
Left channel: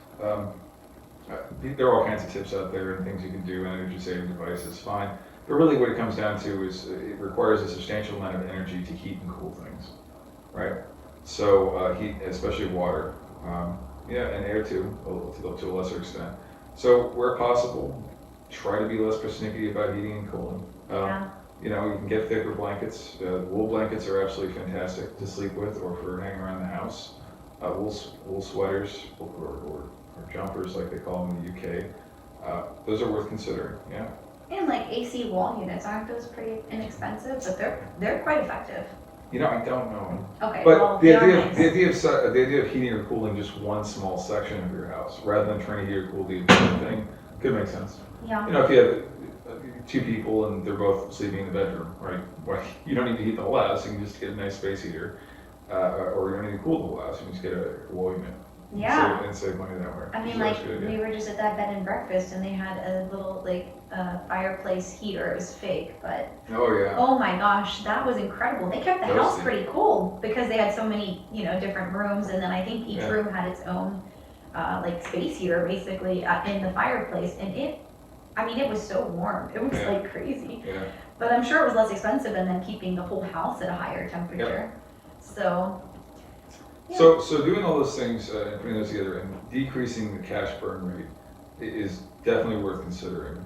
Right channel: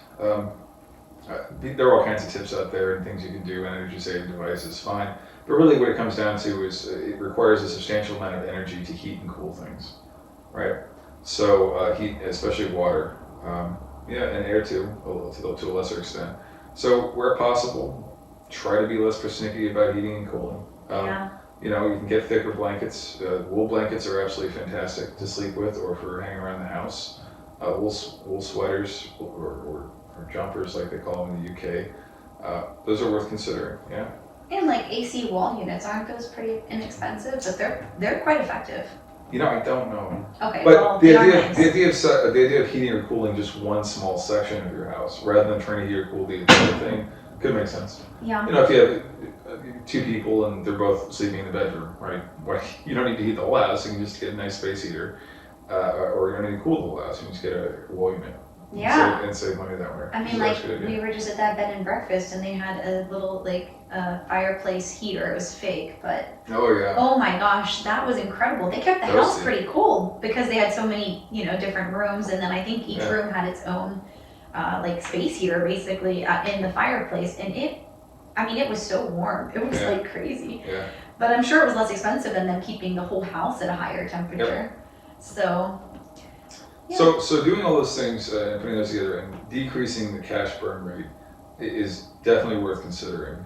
There are all kinds of tips out there and things you can do, energy saving devices, fine. But really what it comes down to is it requires a substantial amount of energy to heat and cool things, right? So heat, especially water, and air too, to a lesser extent. So where possible, try to be less persnickety about heating and cooling. You can get thicker blankets. Wool blankets are absolutely fantastic to sleep with or for hanging around the house. Wool sweaters or jumpers, like they call them in the UK. Those are worth considering. Yeah. And like AC wall units, aren't those pretty inexpensive? But they're quite effective. I don't know. Okay. But well, the idea of heating or cooling just one small section of your house, rather than trying to heat or cool the entire thing, could make sense. Yeah. If you have two people and they're both sleeping in the bedroom, right? You don't need to heat the whole house. You can just get a nice space heater, or you don't need to cool the whole house. You can just get a wall unit. Yeah. And save money that way. I mean, we were just at that bed and breakfast, and they had a little fireplace heater. It was fake, but oh my gosh, that was incredible. They kept the house pretty cool because they had so many different rooms, and then I think each room had its own space heater basically in the fireplace, and it was so warm. It was like crazy. Yeah. But I'm sure it was less expensive than them keeping the whole house at a higher temperature. So. Yeah. So doing all those things and putting those together and decreasing the cash burn rate is definitely worth considering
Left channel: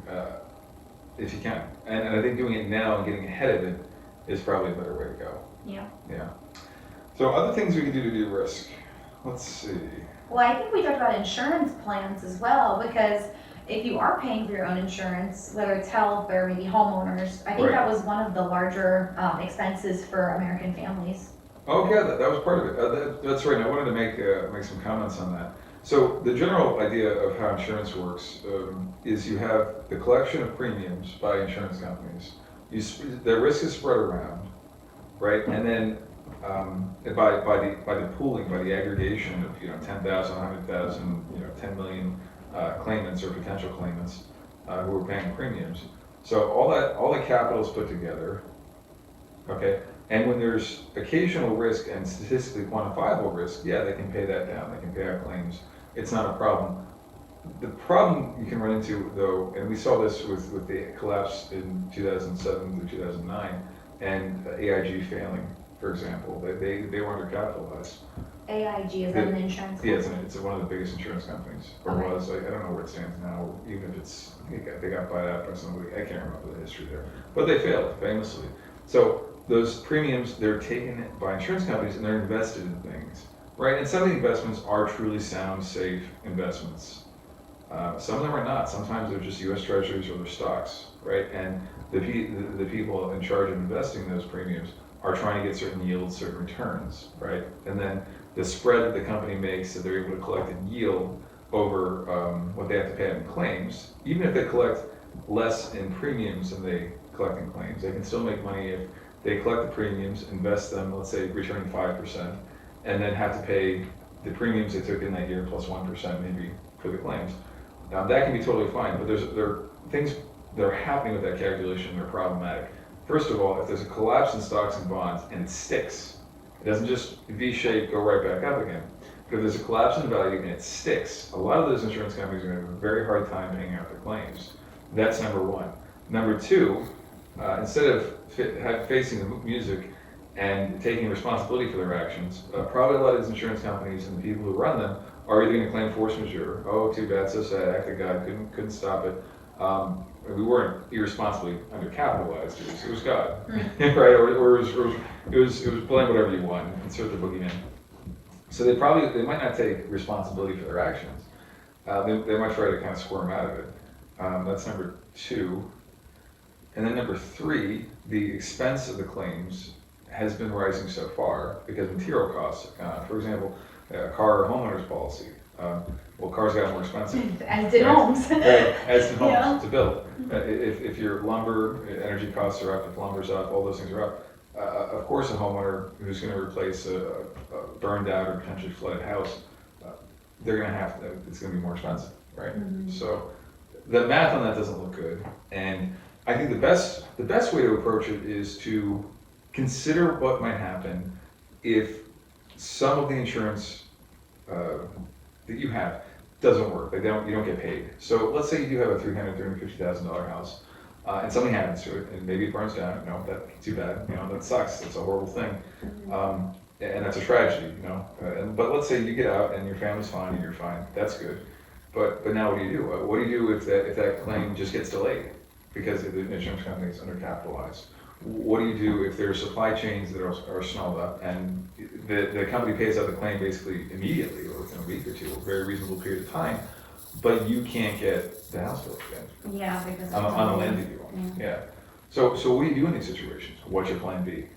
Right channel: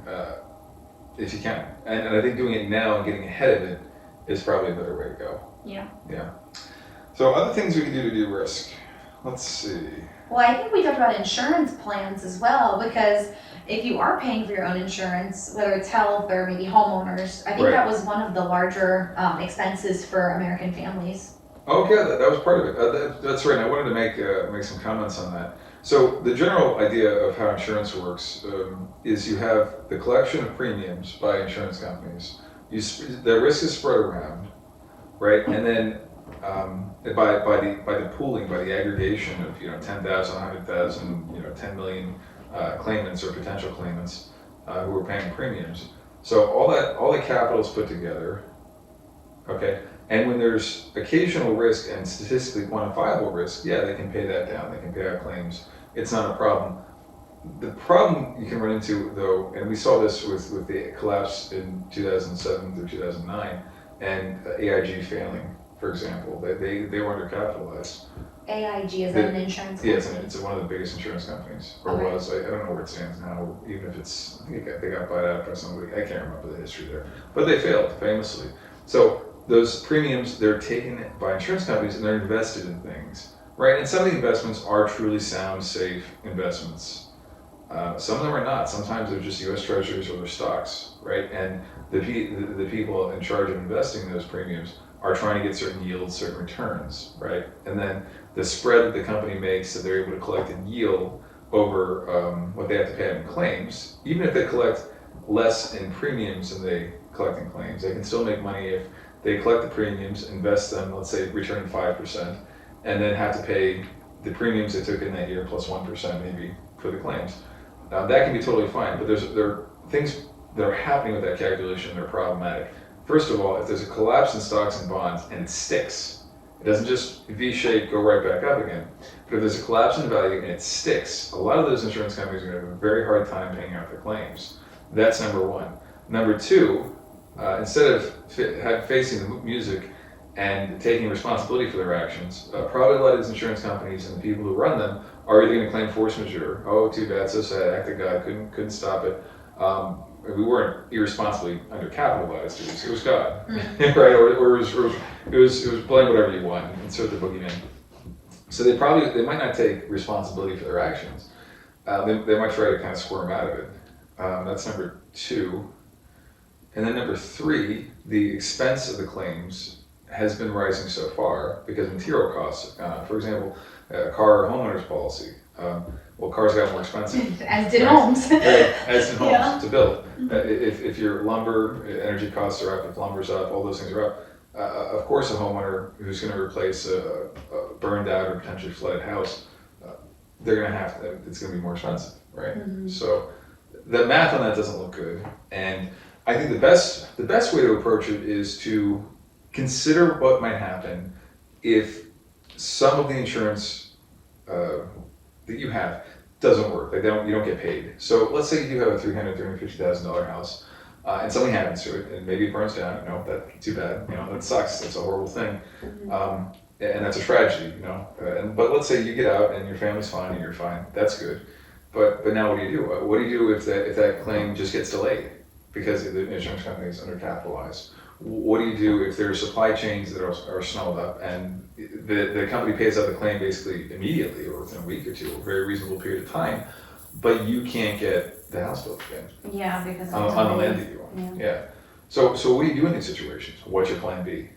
if you can. And I think doing it now and getting ahead of it is probably a better way to go. Yeah. Yeah. So other things we can do to de-risk. Let's see. Well, I think we talked about insurance plans as well, because if you are paying for your own insurance, whether it's health or maybe homeowners, I think that was one of the larger expenses for American families. Oh yeah, that was part of it. That's right. I wanted to make some comments on that. So the general idea of how insurance works is you have the collection of premiums by insurance companies. The risk is spread around, right? And then by the pooling, by the aggregation of 10,000, 100,000, 10 million claimants or potential claimants who are paying premiums. So all the capital is put together, okay? And when there's occasional risk and statistically quantifiable risk, yeah, they can pay that down. They can pay out claims. It's not a problem. The problem you can run into, though, and we saw this with the collapse in 2007 through 2009, and AIG failing, for example, they were undercapitalized. AIG, is that an insurance company? Yeah, it's one of the biggest insurance companies, or Okay. was. I don't know where it stands now, even if it's, I think they got bought out by somebody. I can't remember the history there. But they failed, famously. So those premiums, they're taken by insurance companies and they're invested in things, right? And some of the investments are truly sound, safe investments. Some of them are not. Sometimes they're just U.S. Treasuries or they're stocks, right? And the people in charge of investing those premiums are trying to get certain yields, certain returns, right? And then the spread that the company makes that they're able to collect in yield over what they have to pay out in claims, even if they collect less in premiums than they collect in claims, they can still make money if they collect the premiums, invest them, let's say returning 5%, and then have to pay the premiums they took in that year plus 1% maybe for the claims. That can be totally fine, but there are things that are happening with that calculation that are problematic. First of all, if there's a collapse in stocks and bonds and it sticks, it doesn't just V-shape, go right back up again. But if there's a collapse in value and it sticks, a lot of those insurance companies are going to have a very hard time paying out their claims. That's number one. Number two, instead of facing the music and taking responsibility for their actions, probably a lot of these insurance companies and the people who run them are either going to claim force majeure. Oh, too bad, so sad, act of God, couldn't stop it. We weren't irresponsibly undercapitalized. It was God, right? Or it was blame whatever you want, insert the boogeyman. So they might not take responsibility for their actions. They might try to kind of squirm out of it. That's number two. And then number three, the expense of the claims has been rising so far because material costs have gone up. For example, a car or homeowner's policy. Well, cars got more expensive. As did homes. Right, as did homes Yeah. to build. If your lumber, energy costs are up, if lumber's up, all those things are up. Of course, a homeowner who's going to replace a burned out or potentially flooded house, they're going to have to, it's going to be more expensive, right? Mm-hmm. So the math on that doesn't look good. And I think the best way to approach it is to consider what might happen if some of the insurance that you have doesn't work. Like you don't get paid. So let's say you do have a $350,000 house, and something happens to it, and maybe it burns down. No, that's too bad. That sucks. That's a horrible thing, and that's a tragedy. But let's say you get out and your family's fine and you're fine. That's good. But now what do you do? What do you do if that claim just gets delayed because the insurance company is undercapitalized? What do you do if there's supply chains that are snarled up and the company pays out the claim basically immediately or within a week or two, a very reasonable period of time, but you can't get the house built again? Yeah, because on a land that you own. Yeah. So what do you do in these situations? What's your plan B?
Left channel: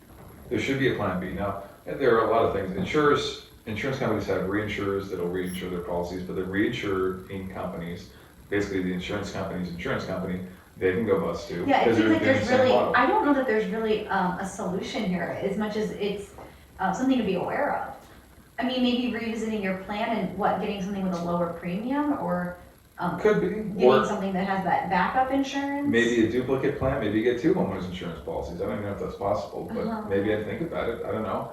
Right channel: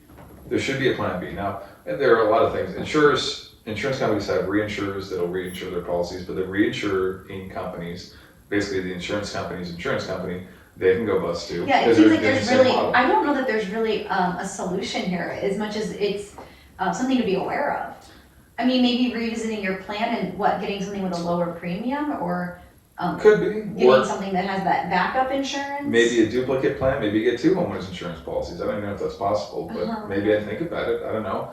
There should be a plan B. Now, there are a lot of things. Insurance companies have reinsurers that'll reinsure their policies, but the reinsuring companies, basically the insurance company's insurance company, they can go bust too. Yeah, it seems like there's really, I don't know that there's really a solution here as much as it's something to be aware of. I mean, maybe revisiting your plan and getting something with a lower premium or could be. getting something that has that backup insurance. Maybe a duplicate plan, maybe you get two homeowners insurance policies. I don't even know if that's possible, but maybe I think about it, I don't know.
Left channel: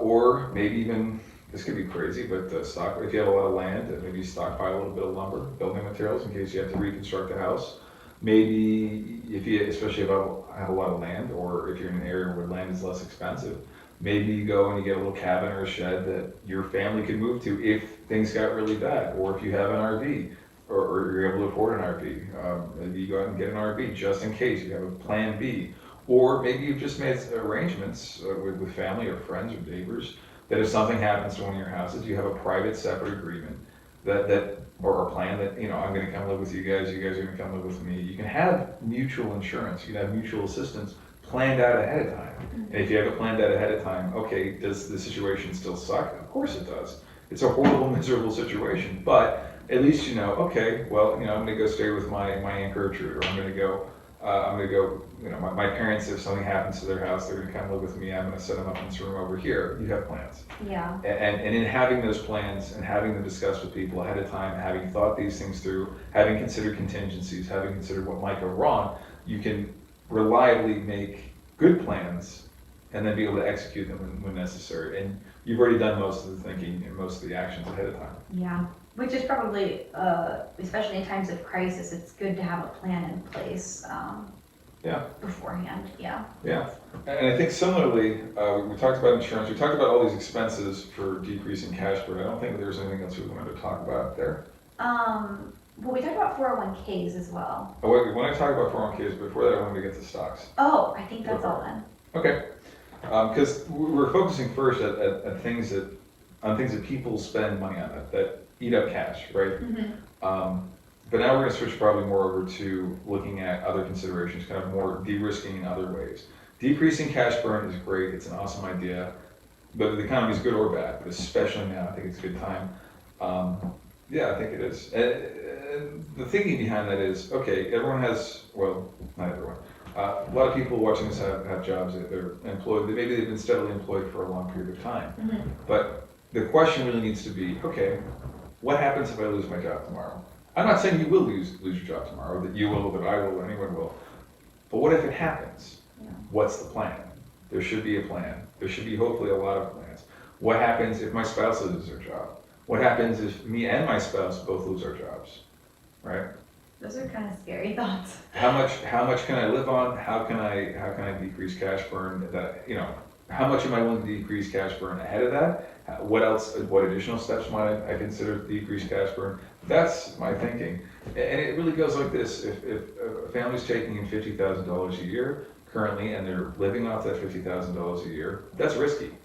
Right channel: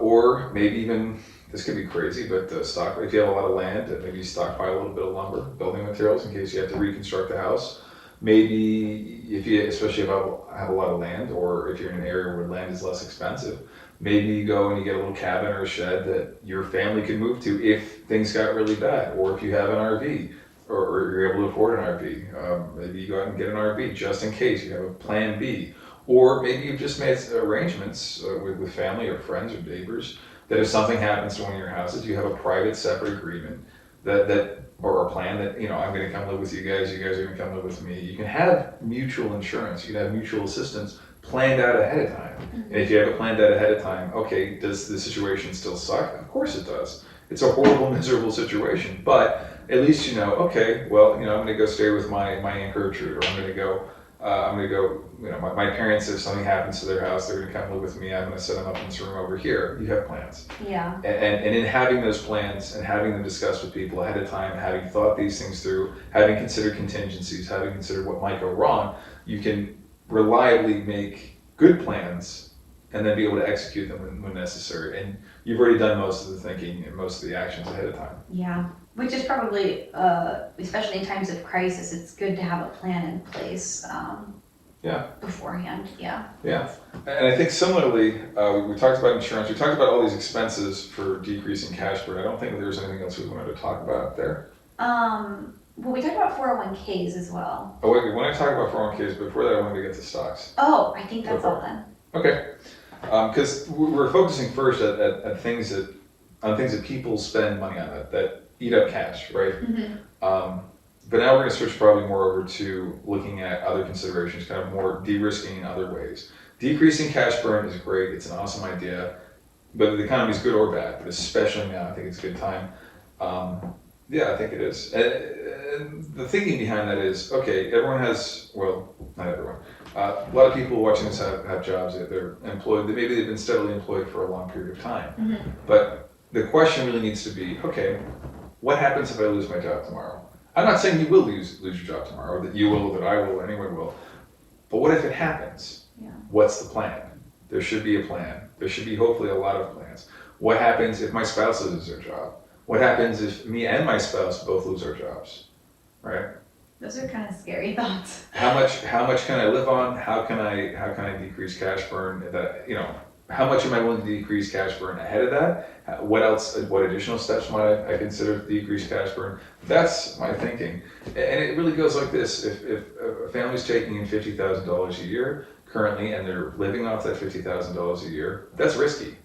Or maybe even, this could be crazy, but if you have a lot of land, maybe you stockpile a little bit of lumber, building materials in case you have to reconstruct the house. Maybe especially if you have a lot of land, or if you're in an area where land is less expensive, maybe you go and you get a little cabin or a shed that your family could move to if things got really bad, or if you have an RV, or you're able to afford an RV. Maybe you go out and get an RV just in case you have a plan B. Or maybe you've just made arrangements with family or friends or neighbors that if something happens to one of your houses, you have a private separate agreement or a plan that, I'm going to come live with you guys are going to come live with me. You can have mutual insurance, you can have mutual assistance planned out ahead of time. And if you have it planned out ahead of time, okay, does the situation still suck? Of course it does. It's a horrible, miserable situation, but at least you know, okay, well, you know, I'm gonna go stay with my Aunt Gertrude, or I'm gonna go, you know, my parents, if something happens to their house, they're gonna come live with me, I'm gonna set them up in this room over here. You have plans. Yeah. And in having those plans and having them discussed with people ahead of time, having thought these things through, having considered contingencies, having considered what might go wrong, you can reliably make good plans and then be able to execute them when necessary. And you've already done most of the thinking and most of the actions ahead of time. Yeah, which is probably, especially in times of crisis, it's good to have a plan in place. Yeah. Beforehand, yeah. Yeah, and I think similarly, we talked about insurance, we talked about all these expenses for decreasing cash burn. I don't think there was anything else we wanted to talk about there. Well, we talked about 401ks as well. Oh wait, when I talk about 401ks, before that I wanted to get to stocks. Oh, I think that's all then. Okay, because we're focusing first at things that people spend money on that eat up cash, right? Mm-hmm. But now we're going to switch probably more over to looking at other considerations, kind of more de-risking in other ways. Decreasing cash burn is great; it's an awesome idea, whether the economy is good or bad, but especially now, I think it's a good time. Yeah, I think it is. And the thinking behind that is, okay, everyone has, well, not everyone. A lot of people watching this have jobs that they're employed. Maybe they've been steadily employed for a long period of time. Mm-hmm. But the question really needs to be, okay, what happens if I lose my job tomorrow? I'm not saying you will lose your job tomorrow, that you will, that I will, anyone will. But what if it happens? Yeah. What's the plan? There should be a plan. There should be hopefully a lot of plans. What happens if my spouse loses their job? What happens if me and my spouse both lose our jobs? Right? Those are kind of scary thoughts. How much can I live on? How can I decrease cash burn? That, you know, how much am I willing to decrease cash burn ahead of that? What else? What additional steps might I consider to decrease cash burn? That's my thinking, and it really goes like this: if a family's taking in $50,000 a year currently, and they're living off that $50,000 a year, that's risky.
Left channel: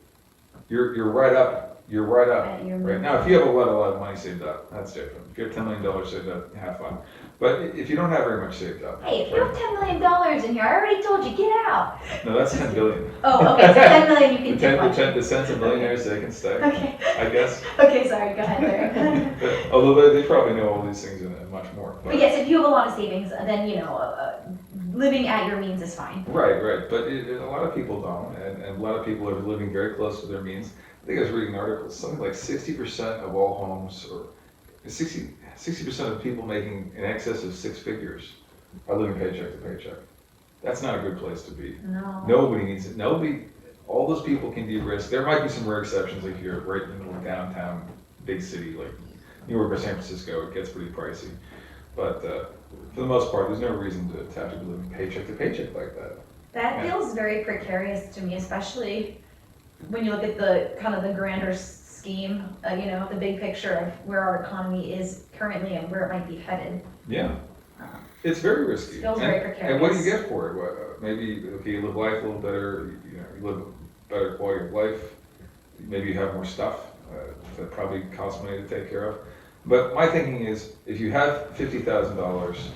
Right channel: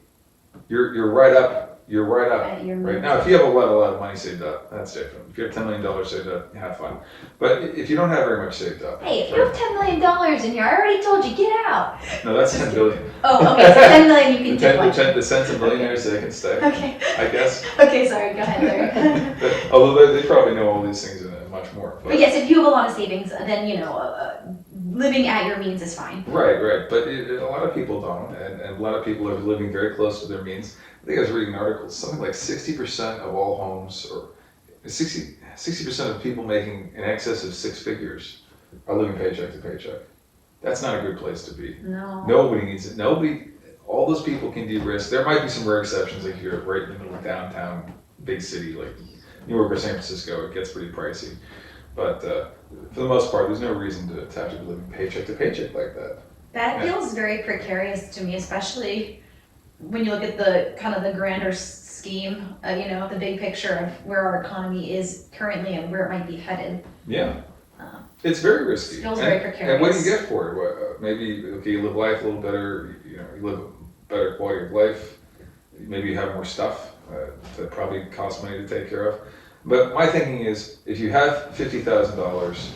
You're right up. You're right up. Right now, if you have a lot of money saved up, that's different. If you have $10 million saved up, have fun. But if you don't have very much saved up, hey, if you have $10 million in here, I already told you, get out. No, that's 10 billion. Oh, okay, so 10 million you can take. The cents of millionaires, they can stay. Okay. I guess. Okay, sorry, go ahead, Larry. Although they probably know all these things and much more. But yes, if you have a lot of savings, then, you know, living at your means is fine. Right. But a lot of people don't, and a lot of people are living very close to their means. I think I was reading articles, something like 60% of all homes, or 60% of people making in excess of six figures are living paycheck to paycheck. That's not a good place to be. No. Nobody needs it. All those people can de-risk. There might be some rare exceptions, like you're right in the middle of downtown, big city, like New York or San Francisco, it gets pretty pricey. But for the most part, there's no reason to have to be living paycheck to paycheck like that. That feels very precarious to me, especially when you look at the kind of the grander scheme, you know, the big picture of where our economy is currently and where it might be headed. Yeah, it's very risky. It feels very precarious. And what do you get for it? Maybe, okay, you live life a little better, you live a better quality of life, maybe you have more stuff that probably costs money to take care of. But my thinking is, if you have $50,000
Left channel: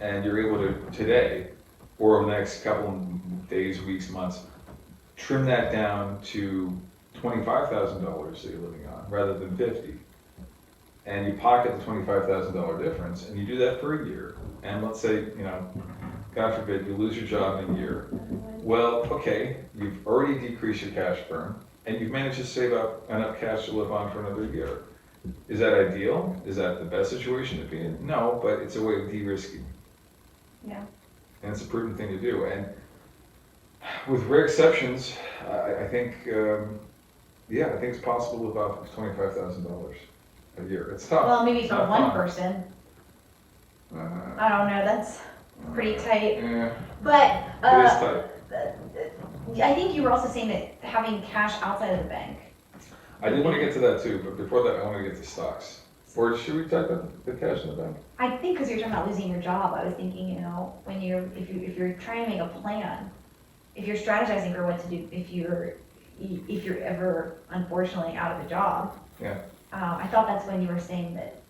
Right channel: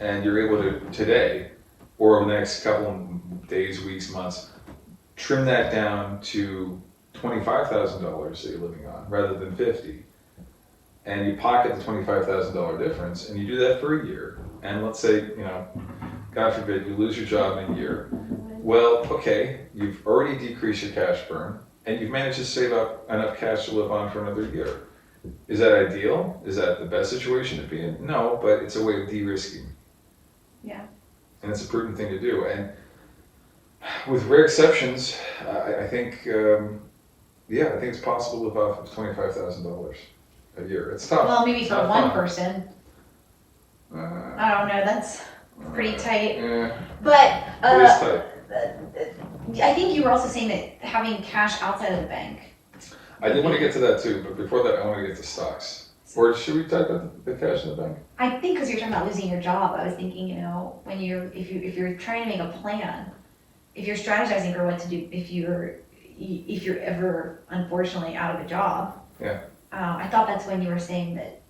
and you're able to today, or over the next couple of days, weeks, months, trim that down to $25,000 that you're living on rather than 50, and you pocket the $25,000 difference, and you do that for a year, and let's say, God forbid, you lose your job in a year. Well, okay, you've already decreased your cash burn, and you've managed to save up enough cash to live on for another year. Is that ideal? Is that the best situation to be in? No, but it's a way of de-risking. Yeah. And it's a prudent thing to do. And with rare exceptions, I think, I think it's possible to live off of $25,000 a year. It's tough. Well, maybe for one fun. person. I don't know, that's pretty tight. Yeah, But it is tight. I think you were also saying that having cash outside of the bank. I did want to get to that too, but before that, I want to get to stocks. Or should we talk about the cash in the bank? I think because you're talking about losing your job, I was thinking, when if you're trying to make a plan, if you're strategizing for what to do, if you're ever unfortunately out of a job. Yeah. I thought that's when you were saying that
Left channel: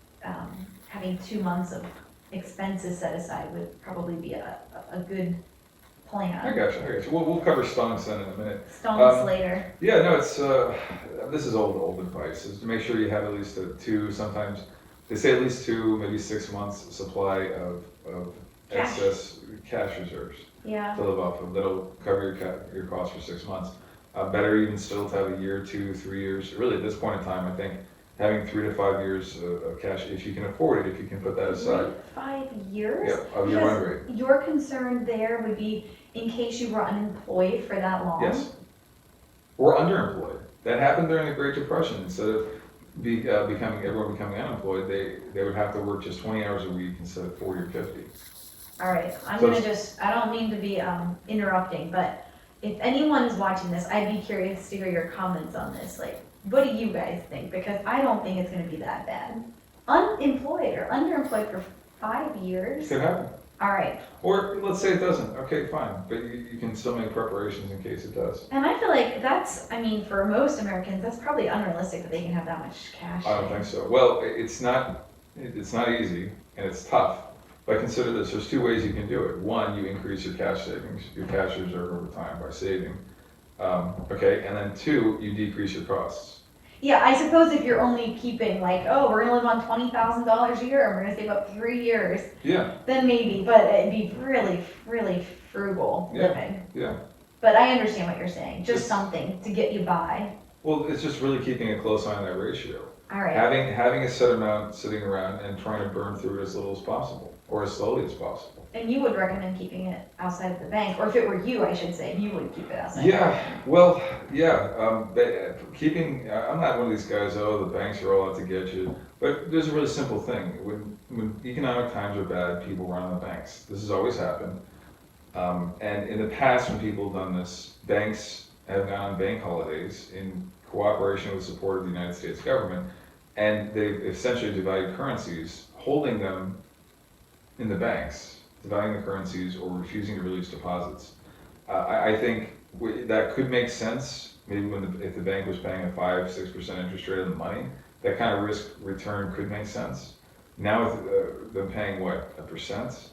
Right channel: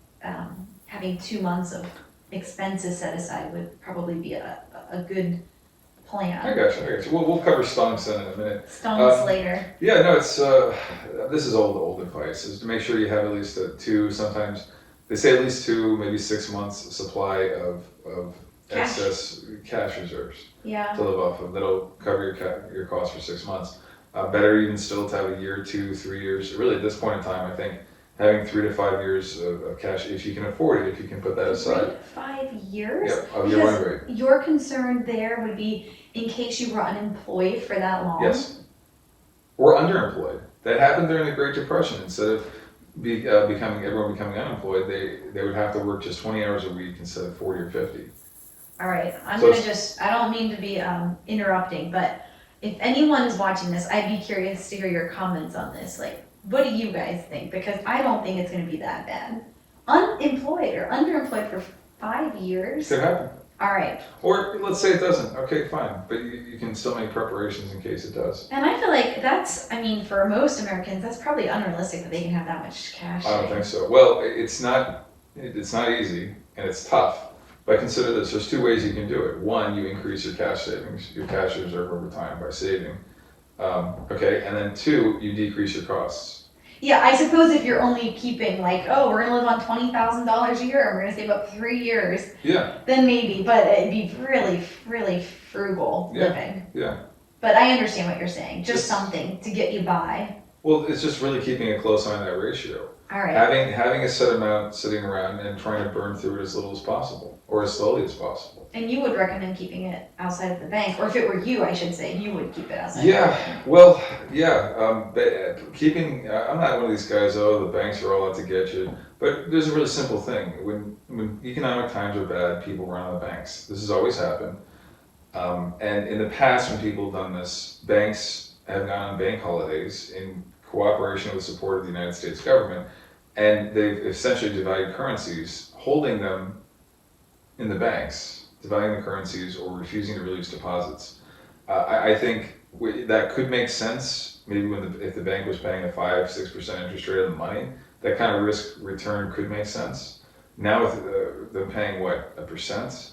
having 2 months of expenses set aside would probably be a good I plan. got you. We'll cover stonks then in a minute. Stonks later. Yeah, no, it's, this is old advice, is to make sure you have at least sometimes, they say at least 2, maybe 6 months supply of Cash. excess cash reserves Yeah. to live off of. That'll cover your costs for 6 months. Better even still to have a year, 2, 3 years. Really, at this point in time, I think having 3 to 5 years of cash, if you can afford it, if you can put that aside. 3 to 5 years? Yep, of your run rate. Your concern there would be in case you were unemployed for that long? Yes. Or underemployed. That happened during the Great Depression. Instead of everyone becoming unemployed, they would have to work just 20 hours a week instead of 40 or 50. All right, I So don't mean to be interrupting, but if anyone is watching this, I'd be curious to hear your comments on this. Like, what do you guys think? Because I don't think it's gonna be that bad. Unemployed or underemployed for 5 years? Could happen. All right. Or let's say it doesn't. Okay, fine. But you can still make preparations in case it does. And I feel like for most Americans, that's probably unrealistic that they can have that much cash. I don't think so. Well, it's not easy and it's tough. But consider this, there's 2 ways you can do it. One, you increase your cash savings, your cash reserve over time by saving. Okay, and then 2, you decrease your costs. Yeah, I suppose if you're only keeping like, oh, we're gonna live on $20,000 a year and we're gonna save up 3 years, Yeah, then maybe, but it'd be really, really frugal living. yeah. But I understand what you're saying, just Just- something to get you by. Well, it's just really keeping a close eye on that ratio. All right. Having a set amount sitting around and trying to burn through it as little as possible, or as slowly as possible. And you would recommend keeping it outside of the bank, or if it were you, I should say, you would keep it outside. Yeah, well, yeah, but I'm not one of these guys, oh, the banks are all out to get you. But there's a really simple thing. When economic times are bad, people run on the banks. This has always happened. And in the past, when people have done this, banks have gone on bank holidays in cooperation with support of the United States government, and they've essentially devalued currencies, holding them in the banks, devaluing the currencies or refusing to release deposits. I think that could make sense, maybe if the bank was paying a 5-6% interest rate on the money, that kind of risk return could make sense. Now with them paying what, 1%?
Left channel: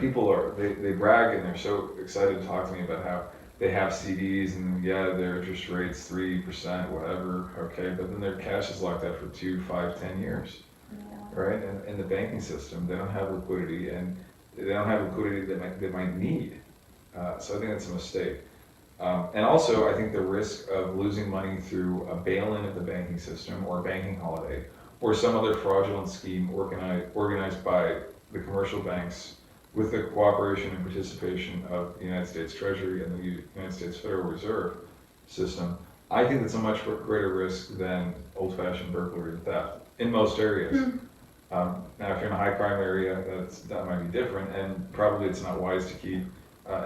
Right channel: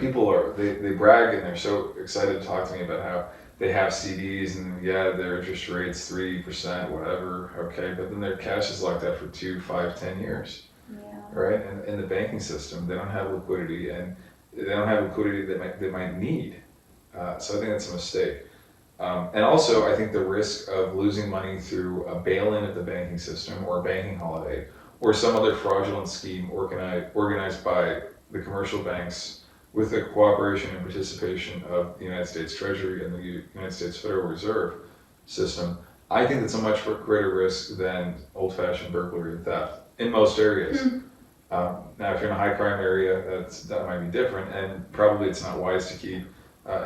People they brag and they're so excited to talk to me about how they have CDs and yeah, their interest rate's 3%, whatever, okay, but then their cash is locked up for 2, 5, 10 years, Yeah. right? And in the banking system, they don't have liquidity, and they don't have liquidity they might need. So I think that's a mistake. And also, I think the risk of losing money through a bail-in of the banking system or a banking holiday or some other fraudulent scheme organized by the commercial banks with the cooperation and participation of the United States Treasury and the United States Federal Reserve System, I think that's a much greater risk than old-fashioned burglary and theft in most areas. Now, if you're in a high-crime area, that might be different, and probably it's not wise to keep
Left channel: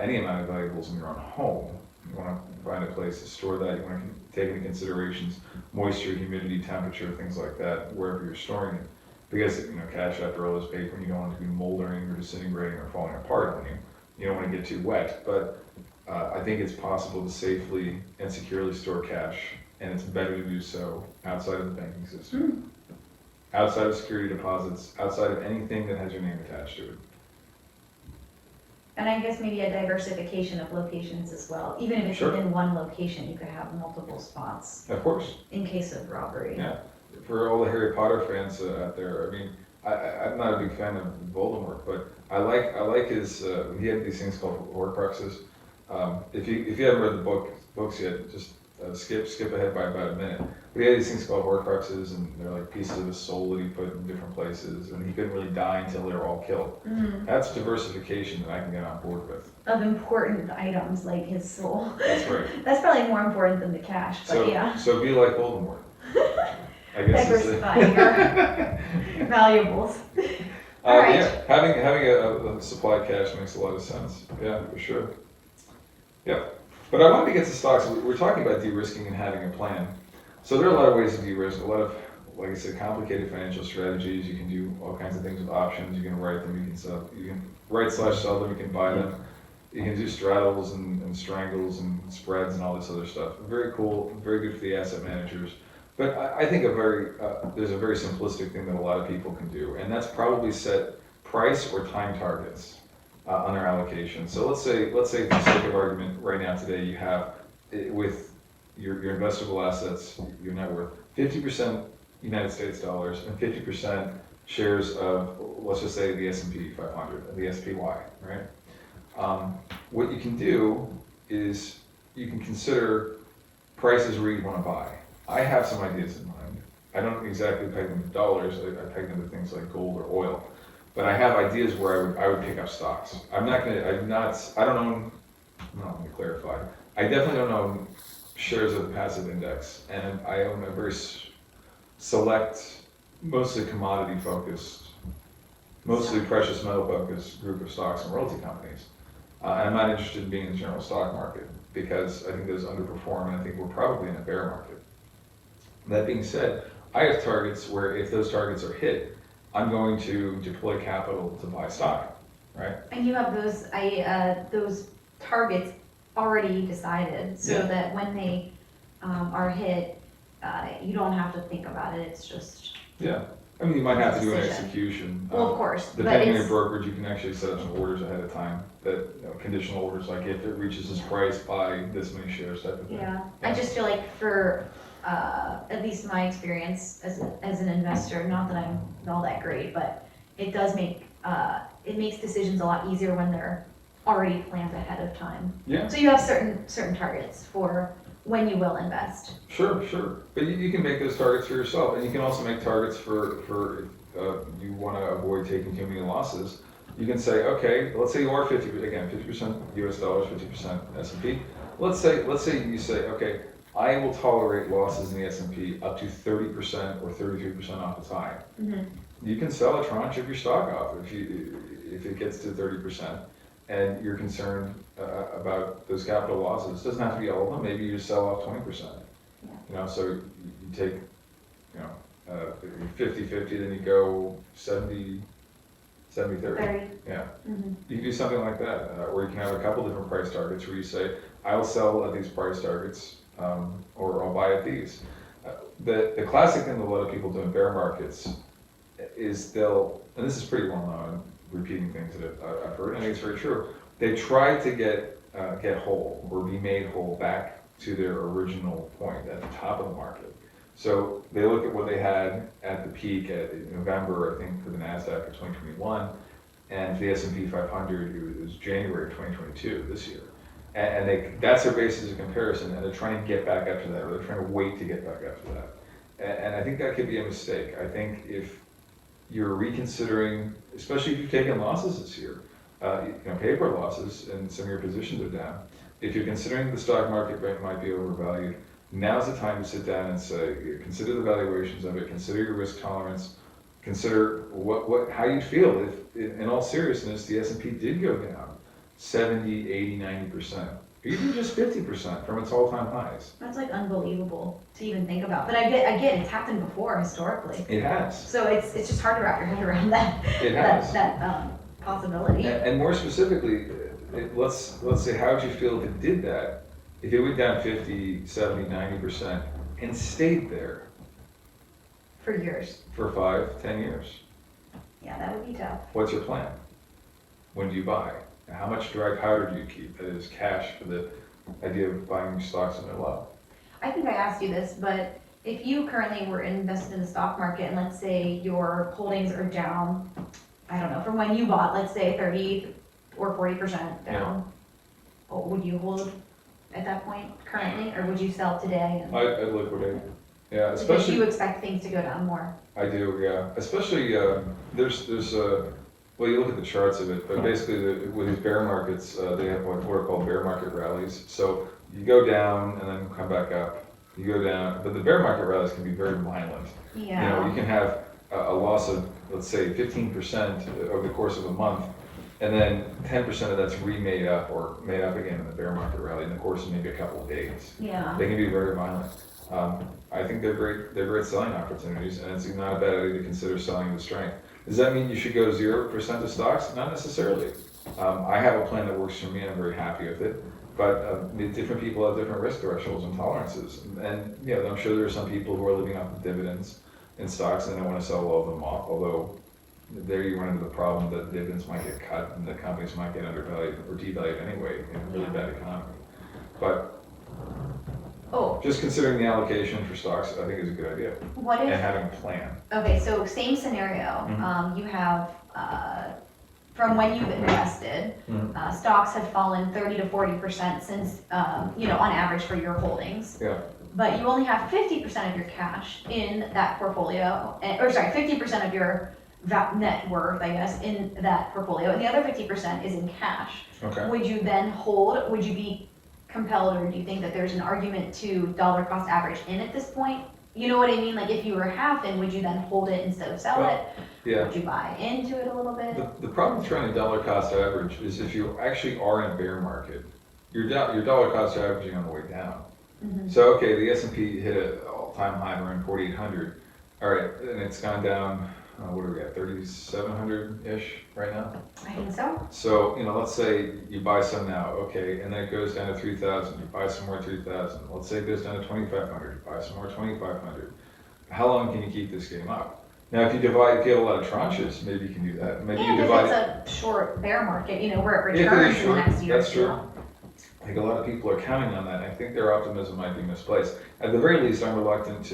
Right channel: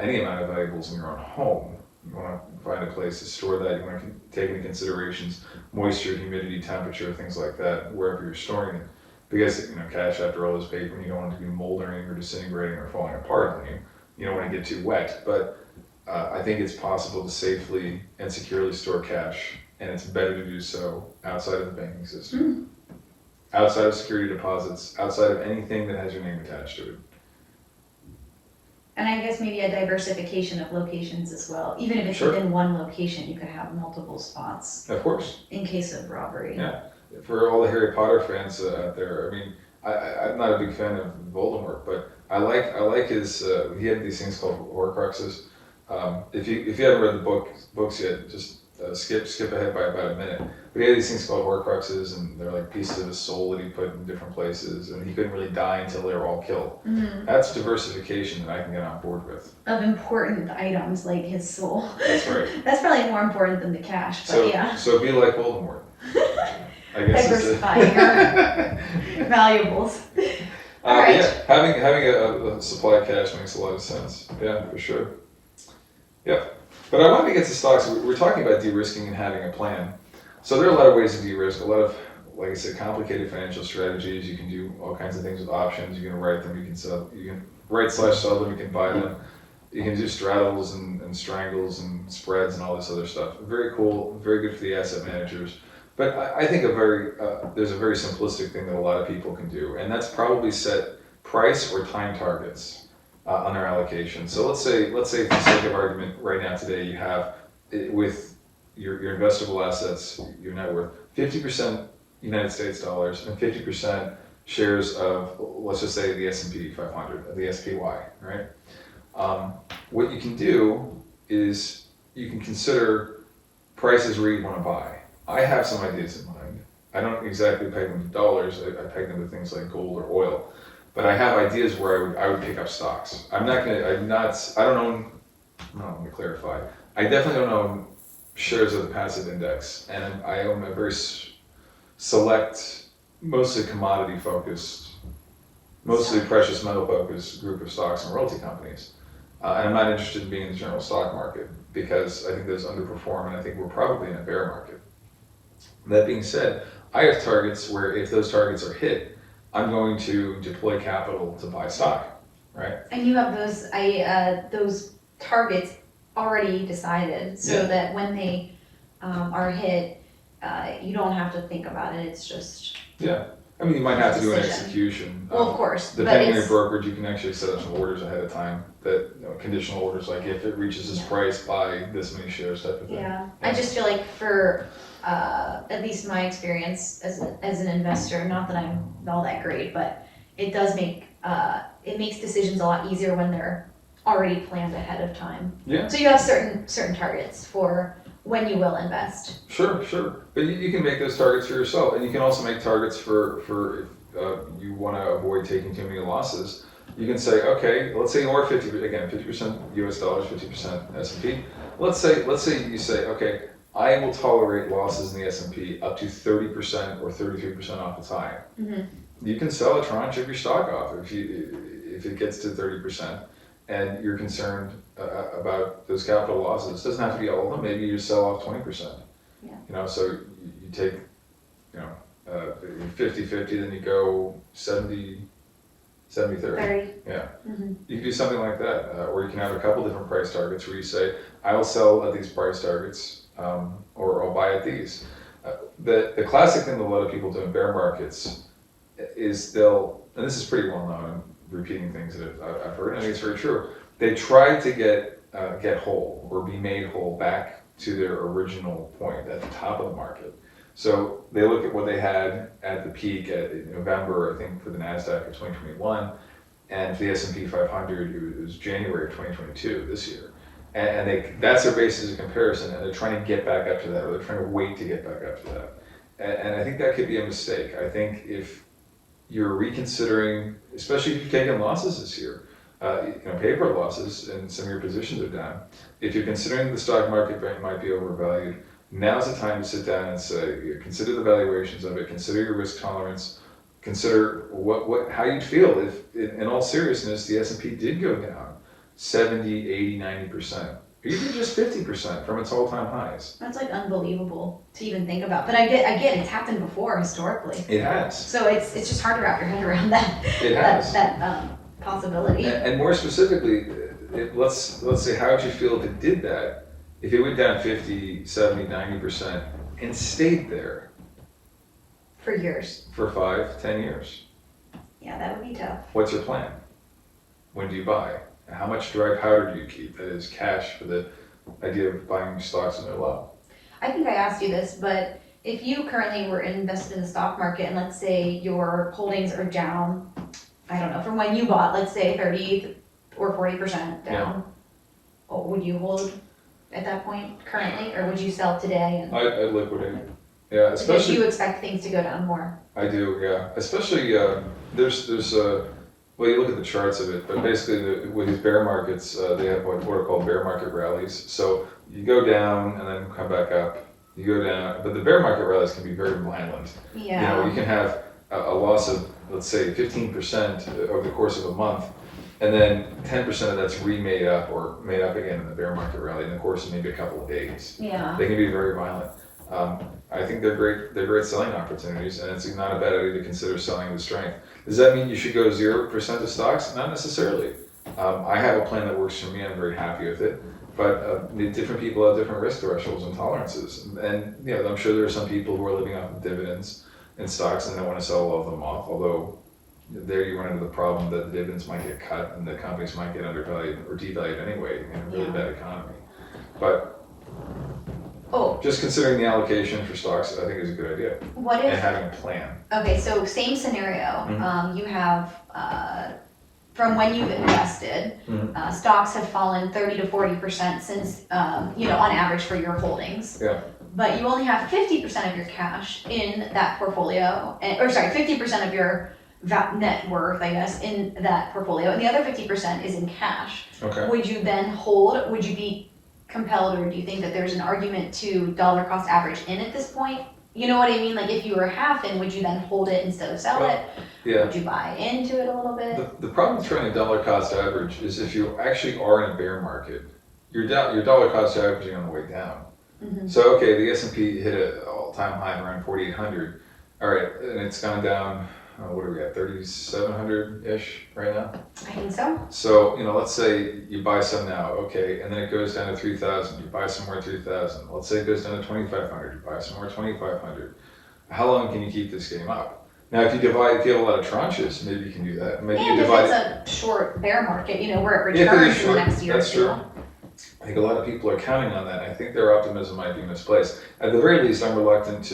any amount of valuables in your own home. You want to find a place to store that. You want to take into considerations moisture, humidity, temperature, things like that, wherever you're storing it. Because cash, after all, is paper, and you don't want it to be moldering or disintegrating or falling apart. You don't want to get too wet. But I think it's possible to safely and securely store cash, and it's better to do so outside of the banking system, outside of security deposits, outside of anything that has your name attached to it. And I guess maybe a diversification of locations as well. Even if it's Sure. within one location, you could have multiple spots Of course. in case of robbery. Yeah. For all the Harry Potter fans out there, I'm not a big fan of Voldemort, but I like his. He had these things called Horcruxes. If you haven't read the books yet, just skip ahead by about a minute. But he had these things called Horcruxes, and they're like pieces of his soul that he put in different places, and he couldn't really die until they were all killed. Mm-hmm. That's diversification that I can get on board with. Of important items like his soul. That's right. That's probably more important than the cash, but yeah. So be like Voldemort. I guess Diversifying our valuables. All right. Yeah, having a supply of cash makes a lot of sense. Yeah, for sure. Yep. But I wanted to get to stocks. We're talking about de-risking and having a plan. So there are a lot of ways to de-risk. A lot of, like I said, complicated financial strategies. You can do all kinds of things with options. You can write them. You can sell. You can write/sell them. You can buy them. You can do straddles and strangles and spreads and all this other stuff. Very cool. Very good for the asset managers. But I think there's a very simplistic thing that a lot of people can do, and that's probably set price or time targets. on their allocation. So let's say for the sake of argument, right now today you have with your investable assets, your net worth, 50% United States dollars and 50% shares of, let's just say, the S&P 500, the SPY, right? What you can do is you can consider prices where you want to buy. I have some ideas in mind. I don't exactly peg them to dollars. I peg them to things like gold or oil. But I have ideas where I would pick up stocks. I don't own, no, let me clarify. I definitely don't own shares of the passive index. And I own a very select, mostly commodity focused, mostly precious metal focused group of stocks and royalty companies. And I'm not interested in being in the general stock market because I think those underperform and I think we're probably in a bear market. That being said, I have targets where if those targets are hit, I'm going to deploy capital to buy stock, right? And you have those targets already decided, so that when they are hit, you don't have to think about it. It's just I mean, you might have to do an decision. execution. Well, of course, Depending on your brokerage, you can actually set up some orders ahead of time. That conditional orders, like if it reaches this price, buy this many shares, type of thing. Yeah, I just feel like for at least my experience as an investor, not that I'm all that great, but it does make it makes decisions a lot easier when they're already planned ahead of time. Yeah. So you have certain targets for when you will invest. Sure. But you can make those targets for yourself, and you can also make targets for if you want to avoid taking too many losses. You can say, okay, let's say you are 50% US dollars, 50% S&P. Let's say you say, okay, I will tolerate losses in the S&P up to 30% or 33% off the time. Mm-hmm. You can sell a tranche of your stock off if it gets to 30%. And you're concerned about those capital losses. It doesn't have to be all of them. Maybe you sell off 20%. Yeah. So you take, 50-50, then you go 70-30. 30. Yeah. Mm-hmm. You can do something like that, or you can have a couple different price targets where you say, I'll sell at these price targets, or I'll buy at these. The classic thing that a lot of people do in bear markets is and this is pretty well known, I'm repeating things that I've heard, and I think it's very true. They try to get whole or be made whole back to their original point at the top of the market. So they look at what they had at the peak in November, I think, for the NASDAQ of 2021, and for the S&P 500, it was January of 2022, this year. And that's their basis of comparison, and they're trying to get back up to that, or they're trying to wait to get back up to that. And I think that could be a mistake. I think if you're reconsidering, especially if you've taken losses this year, paper losses, and some of your positions are down. If you're considering the stock market might be overvalued, now's the time to sit down and say, consider the valuations of it, consider your risk tolerance, consider how you'd feel if, in all seriousness, the S&P did go down 70, 80, 90%, or even just 50% from its all-time highs. That's like unbelievable to even think about. But I get it's happened before historically. It has. So it's just hard to wrap your head around that. It has. that possibility. And more specifically, let's say, how would you feel if it did that? If it went down 50, 70, 90% and stayed there for years. For 5, 10 years. Yeah, that would be tough. What's your plan? When do you buy? How much dry powder do you keep? That is cash for the idea of buying stocks when they're low. I think I asked you this, but if you currently were invested in the stock market and let's say your holdings are down, I don't know, from when you bought, let's say 30 or 40% down, would you hold at that point currently, or would you sell today? I'd liquidate. Yeah, especially because you expect things to go down more. I do, yeah. Especially there's well, you look at the charts of it, but basically with these bear markets, they have what are called bear market rallies. So you go down and then come back up. You go down, but the bear market rallies can be very violent. Yeah. You can have a loss of, let's say, 15% over the course of a month, and then 10% of that's remade up or made up again in the bear market rally in the course of maybe a couple of days. Yeah. They can be very violent. I think they're great selling opportunities, and it's not a bad idea to consider selling the strength. Does that mean you should go 0% of stocks? Not necessarily. I have a plan that works for me. I'm very happy with it. But different people have different risk thresholds and tolerances. And I'm sure there are some people who are living off of dividends in stocks and they want to sell all of them off. Although there you run into the problem that dividends might get cut and the companies might get undervalued or devalued anyway in a really Yeah. bad economy. But Oh, just considering the allocation for stocks, I think is a good idea, what and if, having a plan. okay, so same scenario, Mhm. you have, from when you've invested, Mhm. stocks have fallen 30 to 40% since, on average for your holdings. Yeah. But you only have 50% of your cash in that portfolio, or sorry, 50% of your net worth, I guess, in that portfolio, and the other 50% is in cash. Okay. Would you then hold, would you be compelled, or do you think that there's an argument to dollar cost average in at this point? You know what I mean? Like if you were half in, would you then hold it instead of sell it? Yeah. Would you buy into it a little bit? The problem with trying to dollar cost average is if you actually are in a bear market, your dollar cost averaging on the way down. Mhm. So okay, the S&P hit an all-time high around 4,800. All right, and it's gone down. What do we got? 3,700 ish right now. I think so. So let's say you buy some now, okay, and then it goes down to 3,000. You buy some more 3,000. Let's say it goes down to 2,500. You buy some more 2,500. How long can you keep this game up? Now, if you have a lot of tranches, maybe you can do that. Maybe you And if divide it's a short bear market, where it If it is returns in the short, next year or that's two. true. I think a lot of people are counting on that. I think their optimism might be misplaced. At the very least, I'm reluctant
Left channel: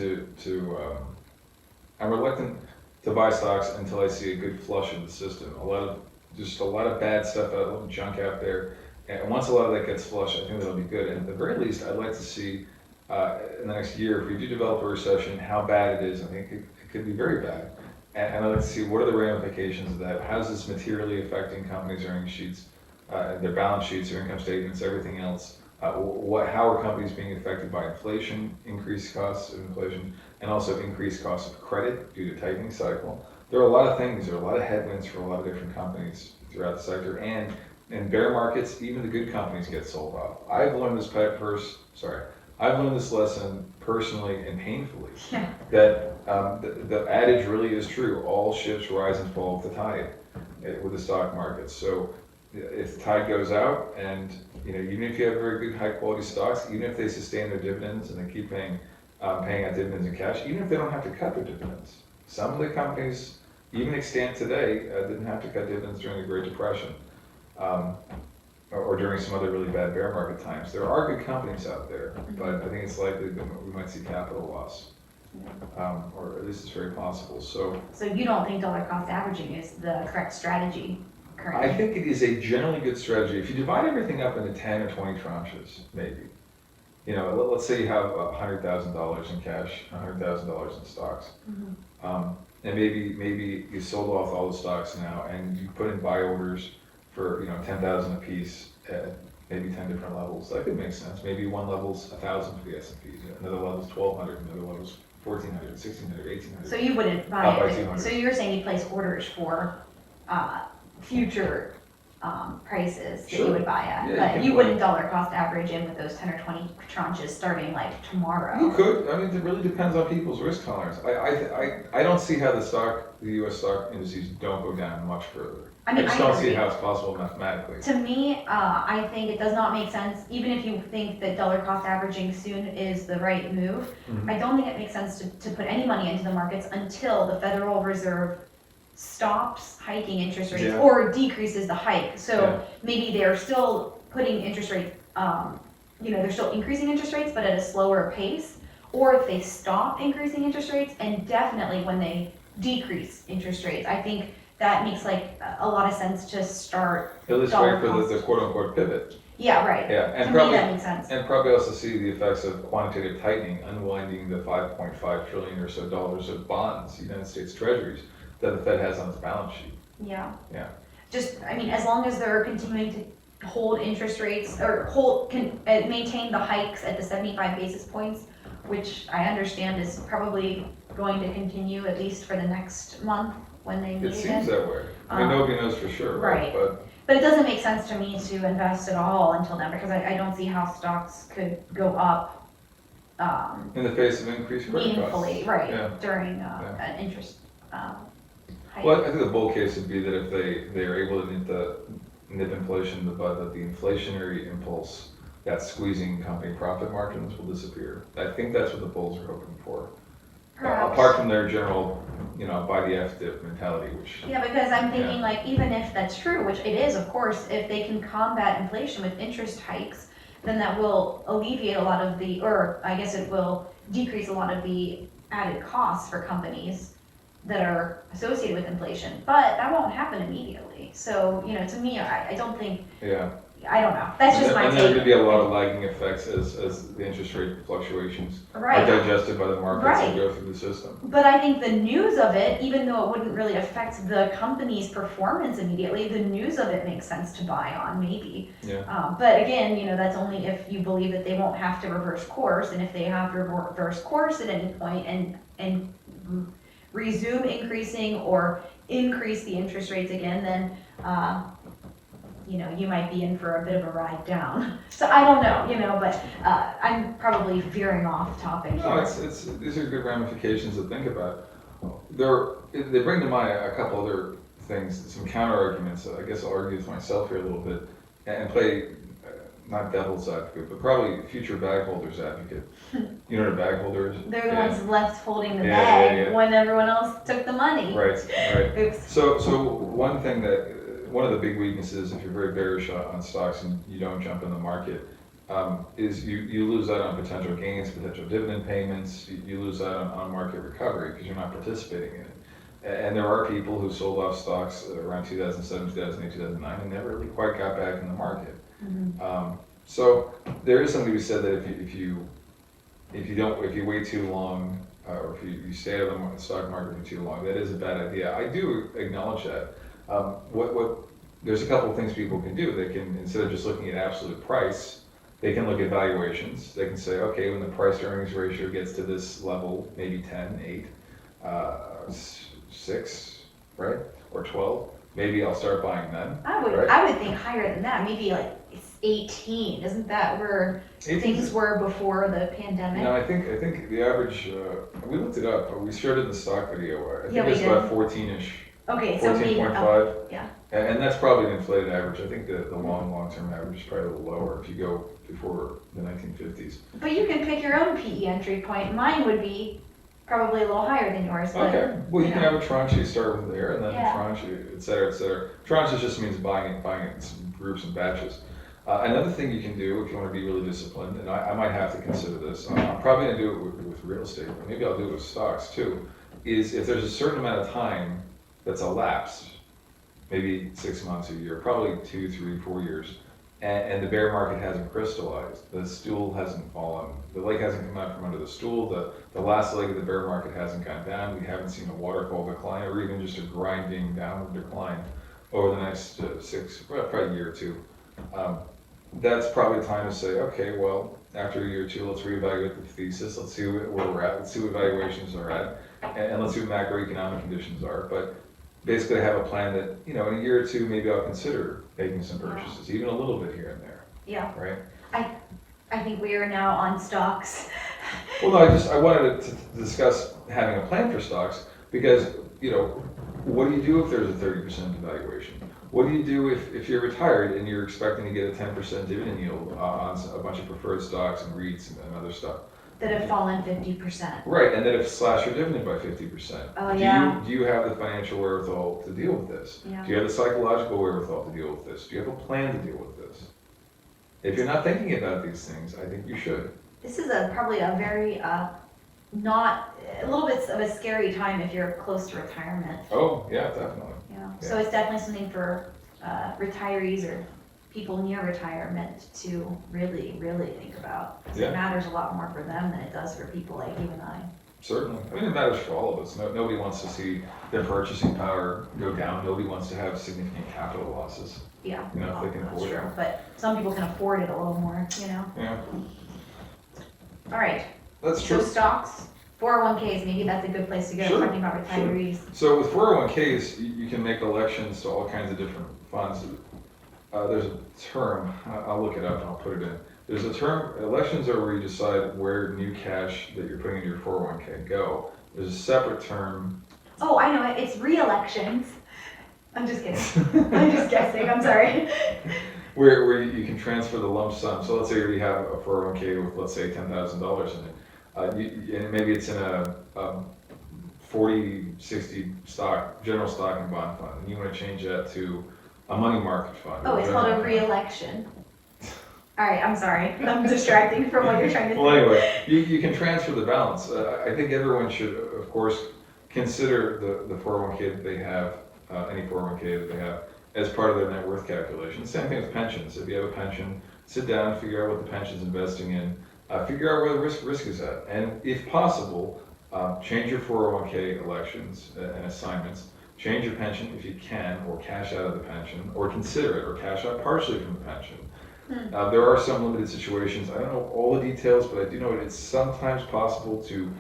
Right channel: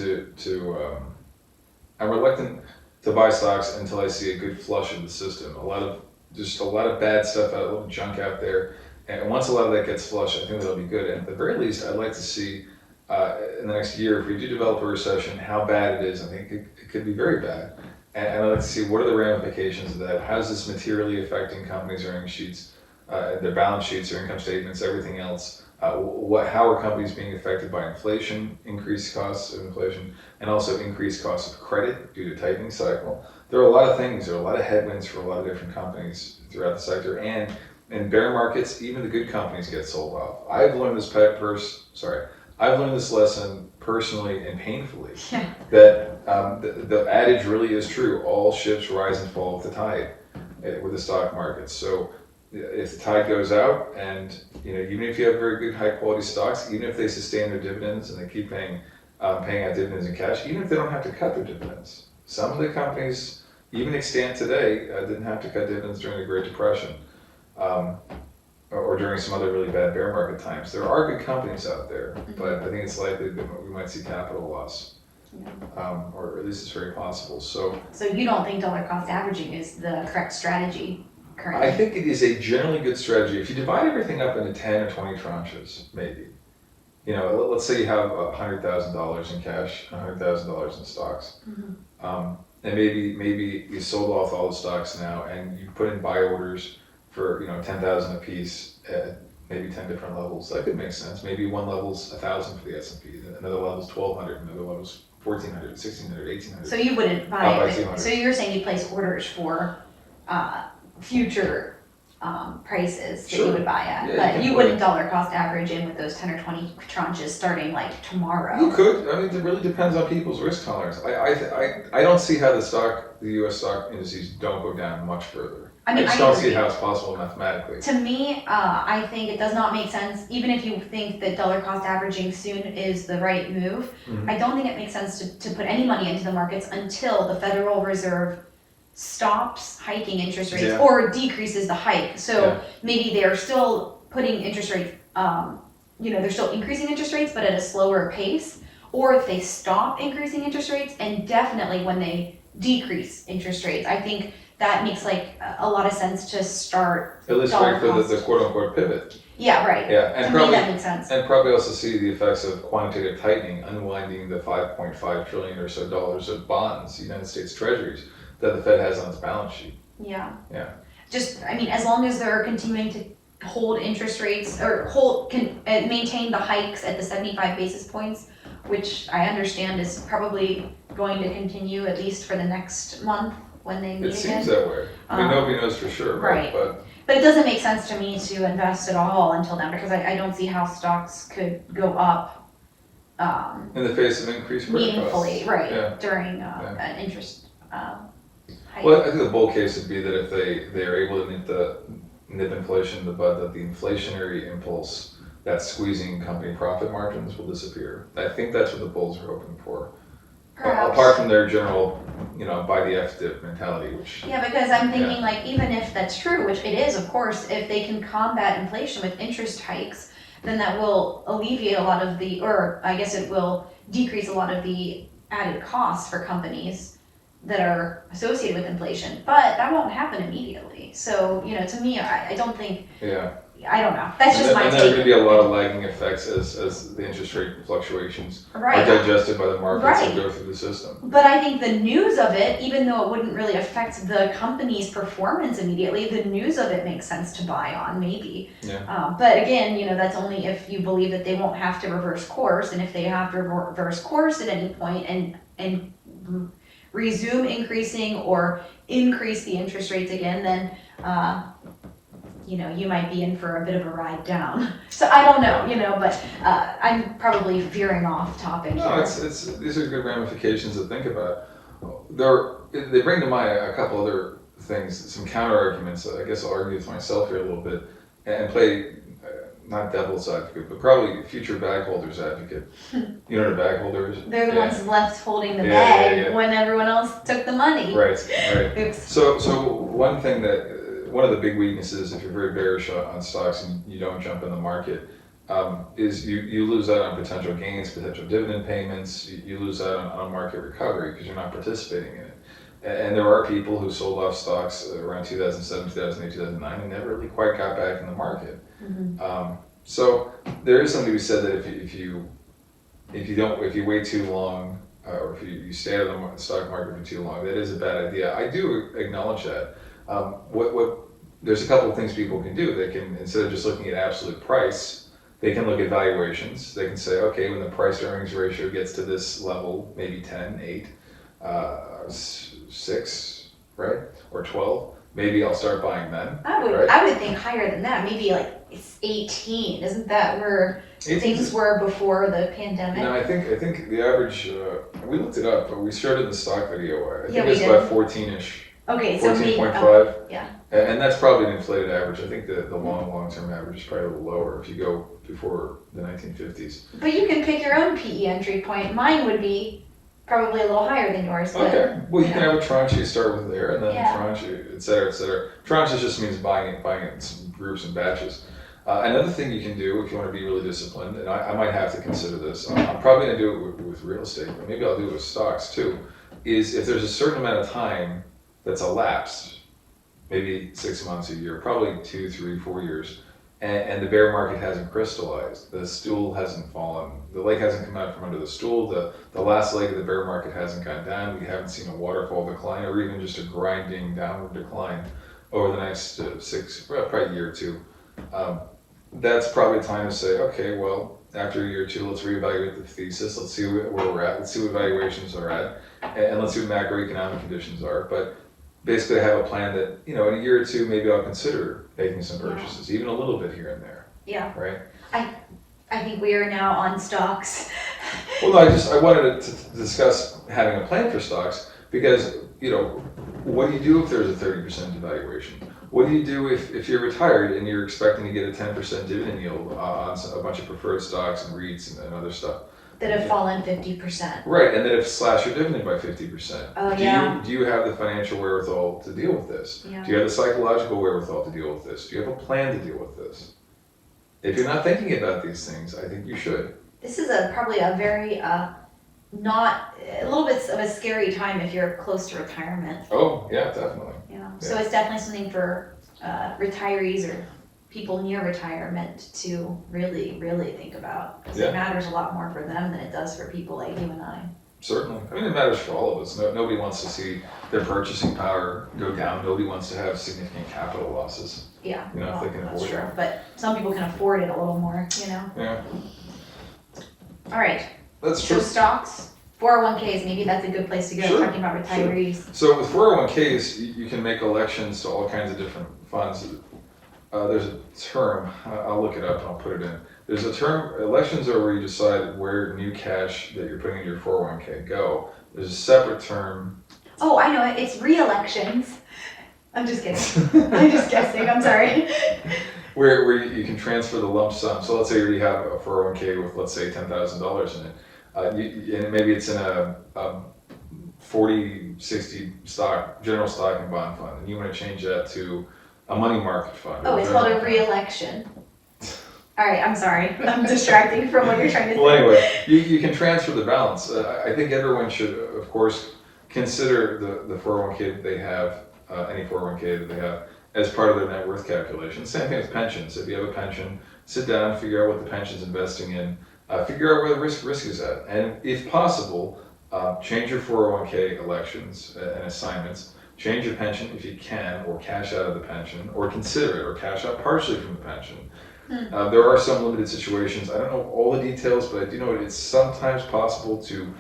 to buy stocks until I see a good flush of the system. A lot of bad stuff out, a little junk out there. And once a lot of that gets flushed, I think that'll be good. And at the very least, I'd like to see in the next year, if we do develop a recession, how bad it is. I think it could be very bad. And I'd like to see what are the ramifications of that. How's this materially affecting companies' earnings sheets, their balance sheets, their income statements, everything else? How are companies being affected by inflation, increased costs of inflation, and also increased costs of credit due to tightening cycle? There are a lot of things. There are a lot of headwinds for a lot of different companies throughout the sector. And in bear markets, even the good companies get sold off. I've learned this lesson personally and painfully. Yeah. That the adage really is true. All ships rise and fall with the tide with the stock market. So if the tide goes out, and even if you have very good high quality stocks, even if they sustain their dividends and they keep paying out dividends in cash, even if they don't have to cut their dividends, some of the companies, even extant today, didn't have to cut dividends during the Great Depression, or during some other really bad bear market times. There are good companies out there, but I think it's likely that we might see capital loss. Or at least it's very possible. So you don't think dollar cost averaging is the correct strategy currently? I think it is a generally good strategy. If you divide everything up into 10 or 20 tranches, maybe. Let's say you have $100,000 in cash, $100,000 in stocks. And maybe you sold off all the stocks now and you put in buy orders for 10,000 a piece at maybe 10 different levels. That could make sense. Maybe one level's 1,000 for the S&P, another level's 1,200, another level's 1,400, 1,600, 1,800. So you wouldn't buy I'll buy it. 200. So you're saying you place orders for future prices that Sure. you would buy at, Yeah, but you you can wouldn't dollar cost average in with those 10 or 20 tranches starting like tomorrow. You could. I mean, it really depends on people's risk tolerance. I don't see how the U.S. stock indices don't go down much further. I just don't see how it's possible mathematically. To me, I think it does not make sense, even if you think that dollar cost averaging soon is the right move. Mhm. I don't think it makes sense to put any money into the markets until the Federal Reserve stops hiking interest rates Yeah. or decreases the hike. So Yeah. maybe they're still putting interest rates, they're still increasing interest rates, but at a slower pace. Or if they stop increasing interest rates, and definitely when they decrease interest rates, I think that makes like a lot of sense to start. At least dollar wait for the cost. quote unquote pivot. Yeah, right. Yeah, and To probably me, that makes sense. and probably also see the effects of quantitative tightening, unwinding the 5.5 trillion or so dollars of bonds, United States Treasuries, that the Fed has on its balance sheet. Yeah. Yeah. As long as they're continuing to hold interest rates or maintain the hikes at the 75 basis points, which I understand is probably going to continue at least for the next month when they meet It again. seems that way. I mean, nobody knows for sure, right. But it doesn't make sense to me to invest at all until then, because I don't see how stocks could go up in the face of increased credit meaningfully, costs. right, Yeah. during an interest hike. Well, I think the bull case would be that if they are able to nip inflation in the bud, that the inflationary impulse that's squeezing company profit margins will disappear. I think that's what the bulls are hoping for. Perhaps. Apart from their general, buy the F-dip mentality, which, Yeah, because I'm thinking like, even if that's true, which it is, of course, if they can combat inflation with interest hikes, then that will alleviate a lot of the, or I guess it will decrease a lot of the added costs for companies that are associated with inflation, but that won't happen immediately. So, to me, I don't think, yeah. I don't know, that's just my And there's take. gonna be a lot of lagging effects as the interest rate fluctuations are Right. digested by the markets Right. and go through the system. But I think the news of it, even though it wouldn't really affect the company's performance immediately, the news of it makes sense to buy on, maybe. Yeah. But again, that's only if you believe that they won't have to reverse course, and if they have to reverse course at any point and resume increasing or increase the interest rates again, then you might be in for a bit of a ride down. So I don't know, but I'm probably veering off topic No, here. these are good ramifications to think about. They bring to mind a couple other things, some counter arguments. I guess I'll argue with myself here a little bit and play not devil's advocate, but probably future bag holders advocate. You know what a bag holder is? They're the ones left holding the Yeah, bag yeah. when everyone else took the money. Right. Oops. So one of the big weaknesses, if you're very bearish on stocks and you don't jump in the market, is you lose out on potential gains, potential dividend payments. You lose out on market recovery because you're not participating in it. And there are people who sold off stocks around 2007, 2008, 2009 and never really quite got back in the market. Mm-hmm. So there is something to be said that if you wait too long, or if you stay out of the stock market for too long, that is a bad idea. I do acknowledge that. There's a couple of things people can do. They can, instead of just looking at absolute price, they can look at valuations. They can say, okay, when the price to earnings ratio gets to this level, maybe 10, 8, 6, right? Or 12, maybe I'll start buying then. I would think higher than that, maybe like it's 18. Isn't that where 18's things were before the pandemic? No, I think the average, we looked it up, but we started the stock video. I think we it's did. about 14-ish. Okay, so 14.5. yeah. And that's probably an inflated average. I think the long-term average is probably a little lower if you go before the 1950s. But you can pick your own PE entry point. Mine would be probably a little higher than yours. But, Okay. Well, you can have a tranche you start with there, and then Yeah. a tranche, et cetera, et cetera. Tranches just means buying it in groups and batches. Another thing you can do if you want to be really disciplined, and I might have to consider this, I'm probably going to do it with real estate, but maybe I'll do it with stocks too, is if there's a certain amount of time that's elapsed, maybe 6 months, a year, probably 2, 3, 4 years, and the bear market hasn't crystallized, the stool hasn't fallen, the leg hasn't come out from under the stool, the last leg of the bear market hasn't gone down, we haven't seen a waterfall decline or even just a grinding downward decline over the next probably a year or two. That's probably time to say, okay, well, after a year or two, let's reevaluate the thesis, let's see where we're at, let's see what valuations are at, and let's see what macroeconomic conditions are. But basically, I have a plan that, in a year or two, maybe I'll consider making some purchases, even a little bit here and there. Yeah. Right? I think we are now on stocks. Well, no, I wanted to discuss having a plan for stocks because, what do you do if there's a 30% devaluation? What do you do if you're retired and you're expecting to get a 10% dividend yield on a bunch of preferred stocks and REITs and other stuff? That have fallen 50%. Right, and then if slash your dividend by 50%. Oh, yeah. Do you have the financial wherewithal to deal with this? Yeah. Do you have the psychological wherewithal to deal with this? Do you have a plan to deal with this? If you're not thinking about these things, I think you should. This is probably a very not a little bit of a scary time if you're close to retirement. Oh, yeah, definitely. Yeah. So it's definitely something for retirees or people near retirement to really, really think about. Because it matters a lot more for them than it does for people like you and I. Certainly. I mean, it matters for all of us. Nobody wants to see their purchasing power go down. Nobody wants to have significant capital losses. Yeah. If they can afford it. But some people can afford it a little more, Yeah. All right. That's true. So stocks, 401ks, maybe that's a good place to go, Sure. talking about retirees. So with 401ks, you can make elections to all kinds of different funds. There's a term, I'll look it up and I'll put it in. There's a term, elections are where you decide where new cash that you're putting in your 401k go. There's a separate term. Oh, I know it, it's re-elections. I'm just kidding. I'm just guessing, I'm sorry. Where you can transfer the lump sum. So let's say you already have a 401k with, let's say, $10,000 in it. And maybe it's in a 40-60 stock, general stock and bond fund, and you wanna change that to a money market fund. Oh, or it's called a general fund. re-election. All right, I'm sorry, I'm distracting from what you're trying to say. Well, anyway, you can transfer the balance. I think everyone should, of course, consider the 401k that they have, any 401k that they have, as part of their net worth calculation. Same thing with pensions. If you have a pension, sit down, figure out what the pension's investing in, figure out where the risk is at, and if possible, change your 401k elections and assignments. Change your pension if you can, or cash out of the pension, or consider it, or cash out partially from the pension. There are some limited situations. I don't know all the details, but I do know it's sometimes possible to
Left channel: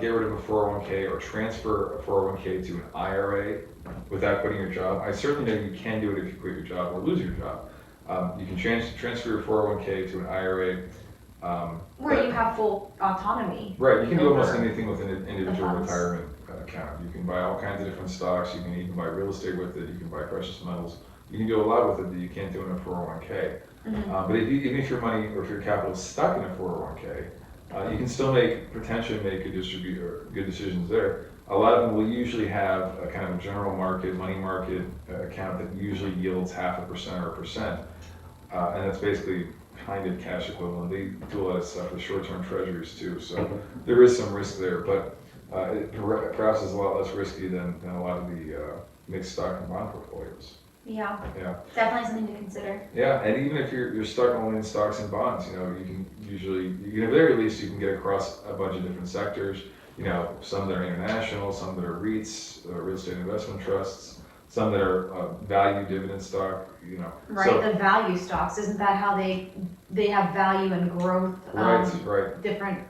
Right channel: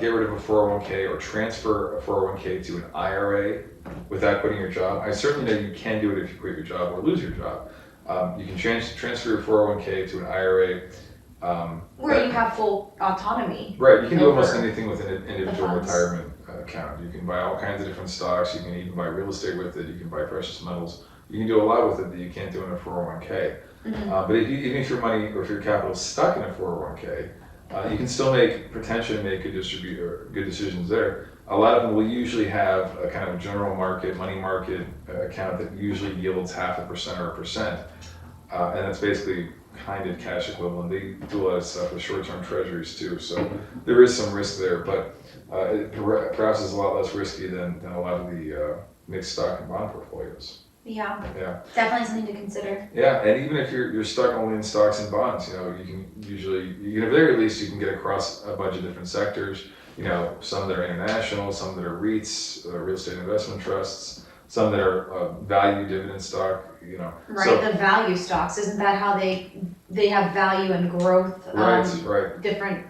get rid of a 401k or transfer a 401k to an IRA without quitting your job. I certainly know you can do it if you quit your job or lose your job. You can transfer your 401k to an IRA. Where you have full autonomy. Right, you can do almost over anything with an individual funds. retirement account. You can buy all kinds of different stocks. You can even buy real estate with it. You can buy precious metals. You can do a lot with it that you can't do in a 401k. But even if your money or if your capital is stuck in a 401k, you can still potentially make good decisions there. A lot of them will usually have a kind of general market, money market account that usually yields 0.5% or 1%. And that's basically kind of cash equivalent. They do a lot of stuff with short-term treasuries too. So there is some risk there, but it perhaps is a lot less risky than a lot of the mixed stock and bond portfolios. Yeah, Yeah. definitely something to consider. Yeah, and even if you're stuck only in stocks and bonds, you can usually, at the very least, you can get across a bunch of different sectors. Some that are international, some that are REITs, real estate investment trusts, some that are value dividend stock. Right, So, the value stocks, isn't that how they have value and growth? right. Different,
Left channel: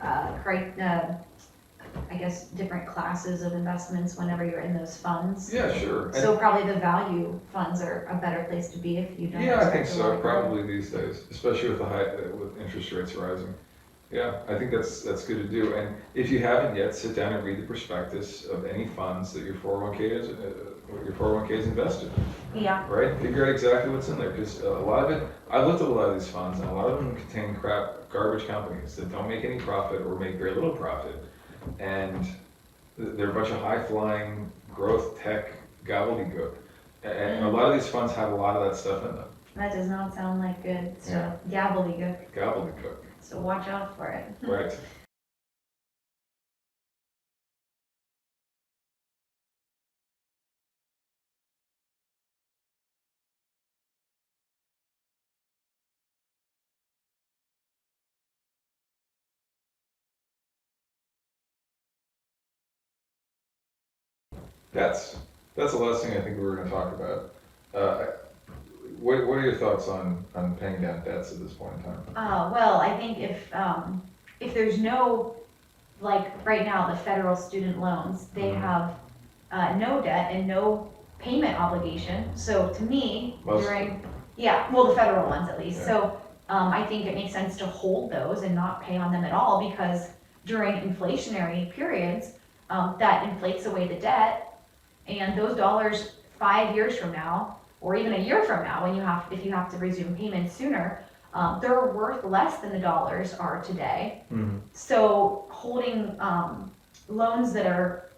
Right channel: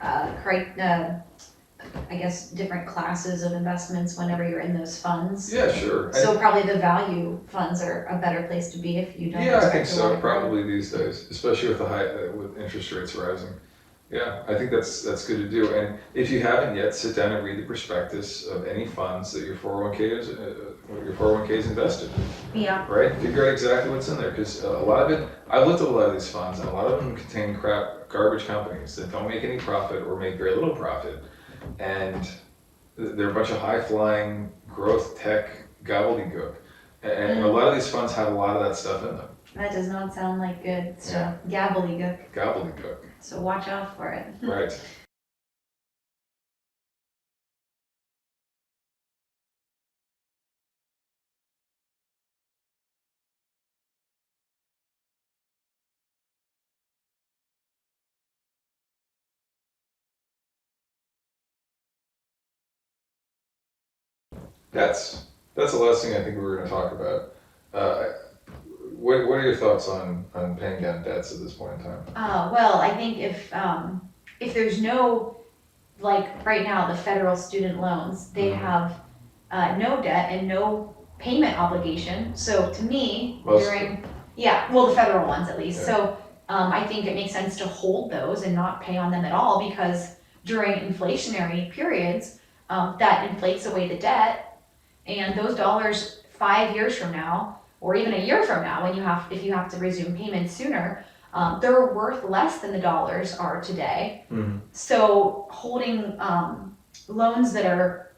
I guess, different classes of investments whenever you're in those funds. Yeah, sure. So probably the value funds are a better place to be if you don't Yeah, I think expect a lot so. of growth. Probably these days, especially with with interest rates rising. Yeah, I think that's good to do. And if you haven't yet, sit down and read the prospectus of any funds that your 401k is invested in. Yeah, Right? Figure out exactly what's in there, because a lot of it, I've looked at a lot of these funds, and a lot of them contain garbage companies that don't make any profit or make very little profit. And they're a bunch of high-flying growth tech gobbledygook. And a lot of these funds have a lot of that stuff in them. that does not sound like good stuff. Gobbledygook. Gobbledygook. So watch out for it. Right. That's the last thing I think we were going to talk about. What are your thoughts on paying down debts at this point in time? Well, I think if there's no, like right now, the federal student loans, they have no debt and no payment obligation. So to me, Most the federal ones at least. Yeah. So I think it makes sense to hold those and not pay on them at all, because during inflationary periods, that inflates away the debt, and those dollars 5 years from now, or even a year from now, if you have to resume payments sooner, they're worth less than the dollars are today. So holding loans that are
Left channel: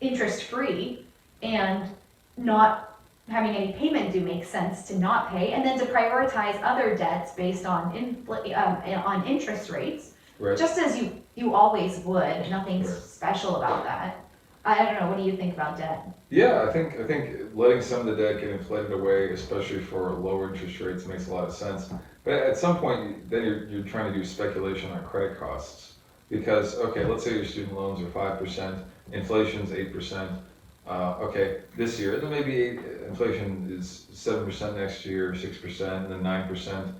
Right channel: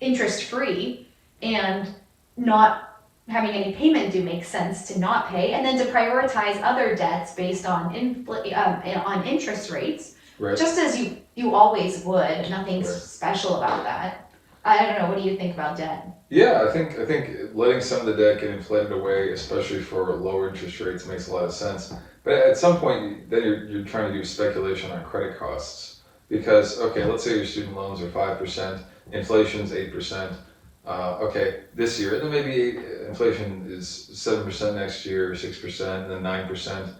interest free and not having any payment due makes sense to not pay, and then to prioritize other debts based on on interest rates, Right. just as you always would. Nothing's Right. special about that. I don't know. What do you think about debt? Yeah, I think letting some of the debt get inflated away, especially for lower interest rates, makes a lot of sense. But at some point, then you're trying to do speculation on credit costs, because okay, let's say your student loans are 5%, inflation's 8%. Okay, this year, and then maybe inflation is 7% next year, 6%, and then 9%.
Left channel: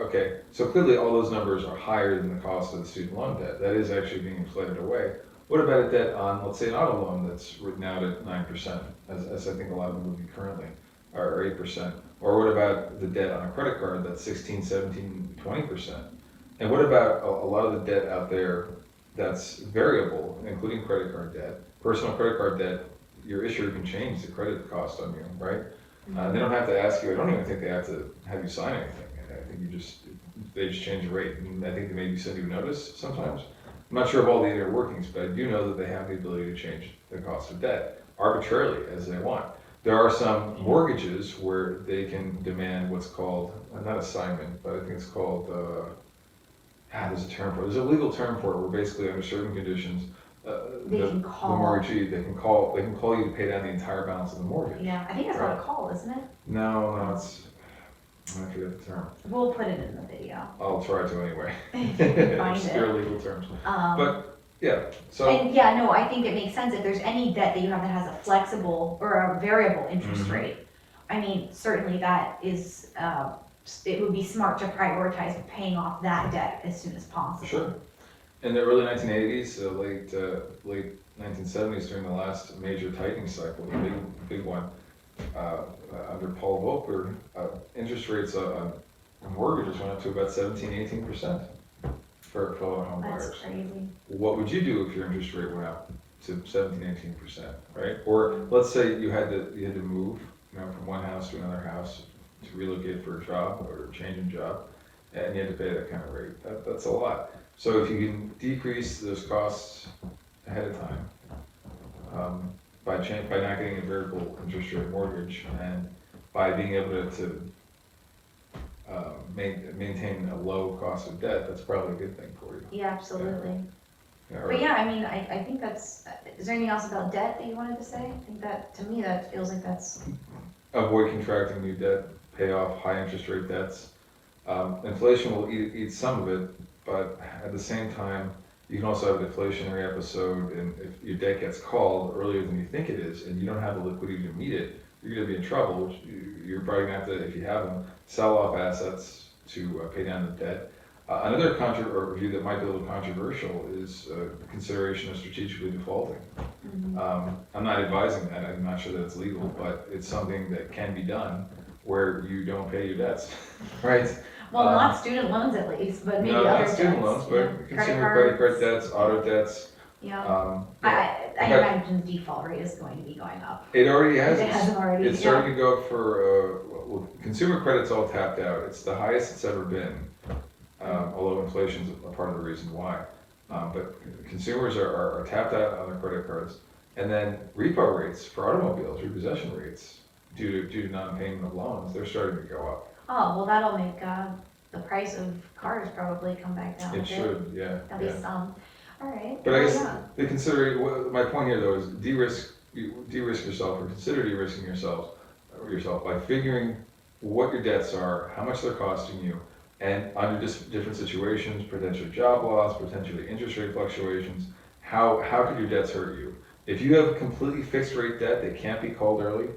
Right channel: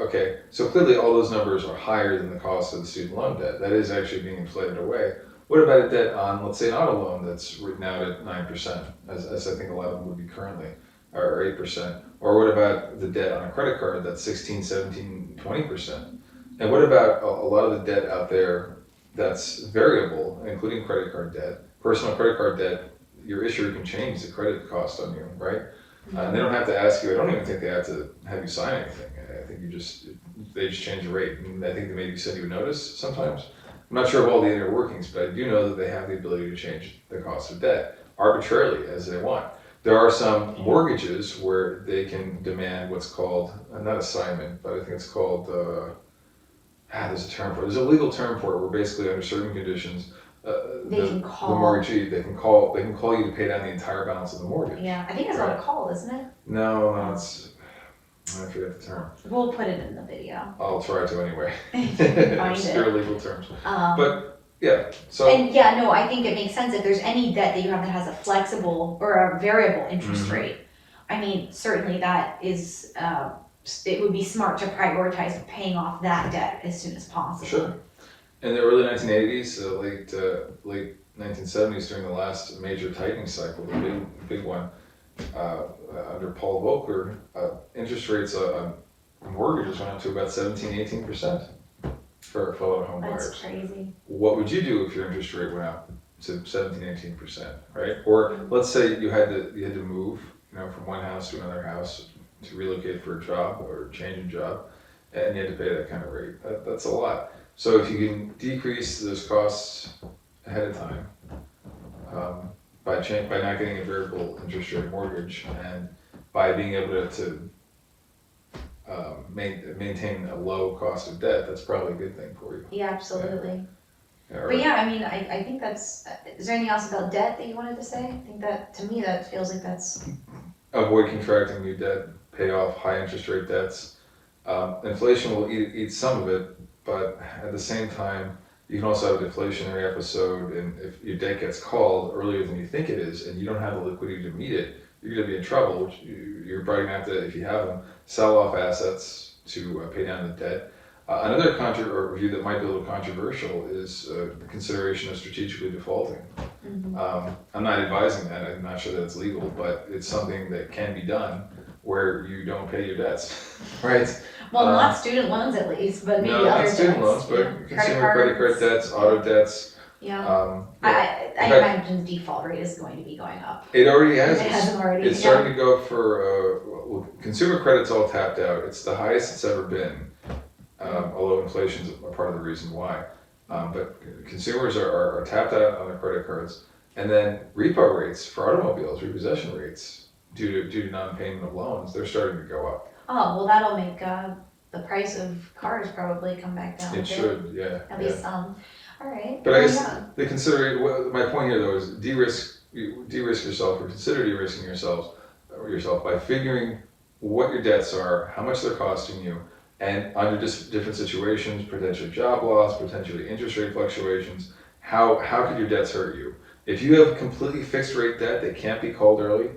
Okay, so clearly all those numbers are higher than the cost of the student loan debt. That is actually being inflated away. What about a debt on, let's say, an auto loan that's written out at 9%, as I think a lot of them would be currently, or 8%? Or what about the debt on a credit card that's 16, 17, 20%? And what about a lot of the debt out there that's variable, including credit card debt, personal credit card debt? Your issuer can change the credit cost on you, right? And they don't have to ask you. I don't even think they have to have you sign anything. I think they just change the rate. And I think they maybe send you a notice sometimes. I'm not sure of all the inner workings, but I do know that they have the ability to change the cost of debt arbitrarily as they want. There are some mortgages where they can demand what's called, not assignment, but I think it's called, there's a term for it. There's a legal term for it where basically under certain conditions, They can the call. mortgagee, they can call you to pay down the entire balance of the mortgage. Yeah, I think it's not Right. a call, isn't it? No, I forget the term. We'll put it in the video. I'll try to anyway. If you can find Obscure it. legal terms. Um, But, yeah, so. And yeah, no, I think it makes sense if there's any debt that you have that has a flexible or a variable interest Mhm. rate. I mean, certainly that is, it would be smart to prioritize paying off that debt as soon as possible. Sure. In the early 1980s, late 1970s, during the last major tightening cycle, the big one, under Paul Volcker, interest rates on mortgages went up to about 17-18% for a lot of home buyers. That's crazy. What would you do if your interest rate went up to 17-18%, right? Or let's say you had to move, from one house to another house to relocate for a job or change a job, and you had to pay that kind of rate. That's a lot. So if you can decrease those costs ahead of time, by not getting a variable interest rate mortgage, and by being able to maintain a low cost of debt, that's probably a good thing for you. Yeah, absolutely. Yeah, But yeah, I mean, I think that's, is there anything else about debt that you wanted to say? I think that, to me, that feels like that's, avoid contracting new debt, pay off high interest rate debts. Inflation will eat some of it, but at the same time, you can also have a deflationary episode, and if your debt gets called earlier than you think it is, and you don't have the liquidity to meet it, you're gonna be in trouble, which you're probably gonna have to, if you have them, sell off assets to pay down the debt. Another view that might be a little controversial is the consideration of strategically defaulting. I'm not advising that, I'm not sure that it's legal, but it's something that can be done where you don't pay your debts, right? well, not student loans at least, but maybe No, other not debts. student loans, but yeah. consumer credit card debts, auto debts. Yeah, Yeah. I imagine default rate is going to be going up. It already has. If it hasn't already. It's starting to go for, consumer credit's all tapped out. It's the highest it's ever been, although inflation's a part of the reason why. But consumers are tapped out on their credit cards. And then repo rates for automobiles, repossession rates, due to non-payment of loans, they're starting to go up. Oh, well, that'll make the price of cars probably come back down a It bit. should, yeah. At least some. All right. But I Well, guess yeah. my point here though is de-risk yourself, or consider de-risking yourself by figuring what your debts are, how much they're costing you, and under different situations, potentially job loss, potentially interest rate fluctuations, how could your debts hurt you? If you have completely fixed rate debt that can't be called early,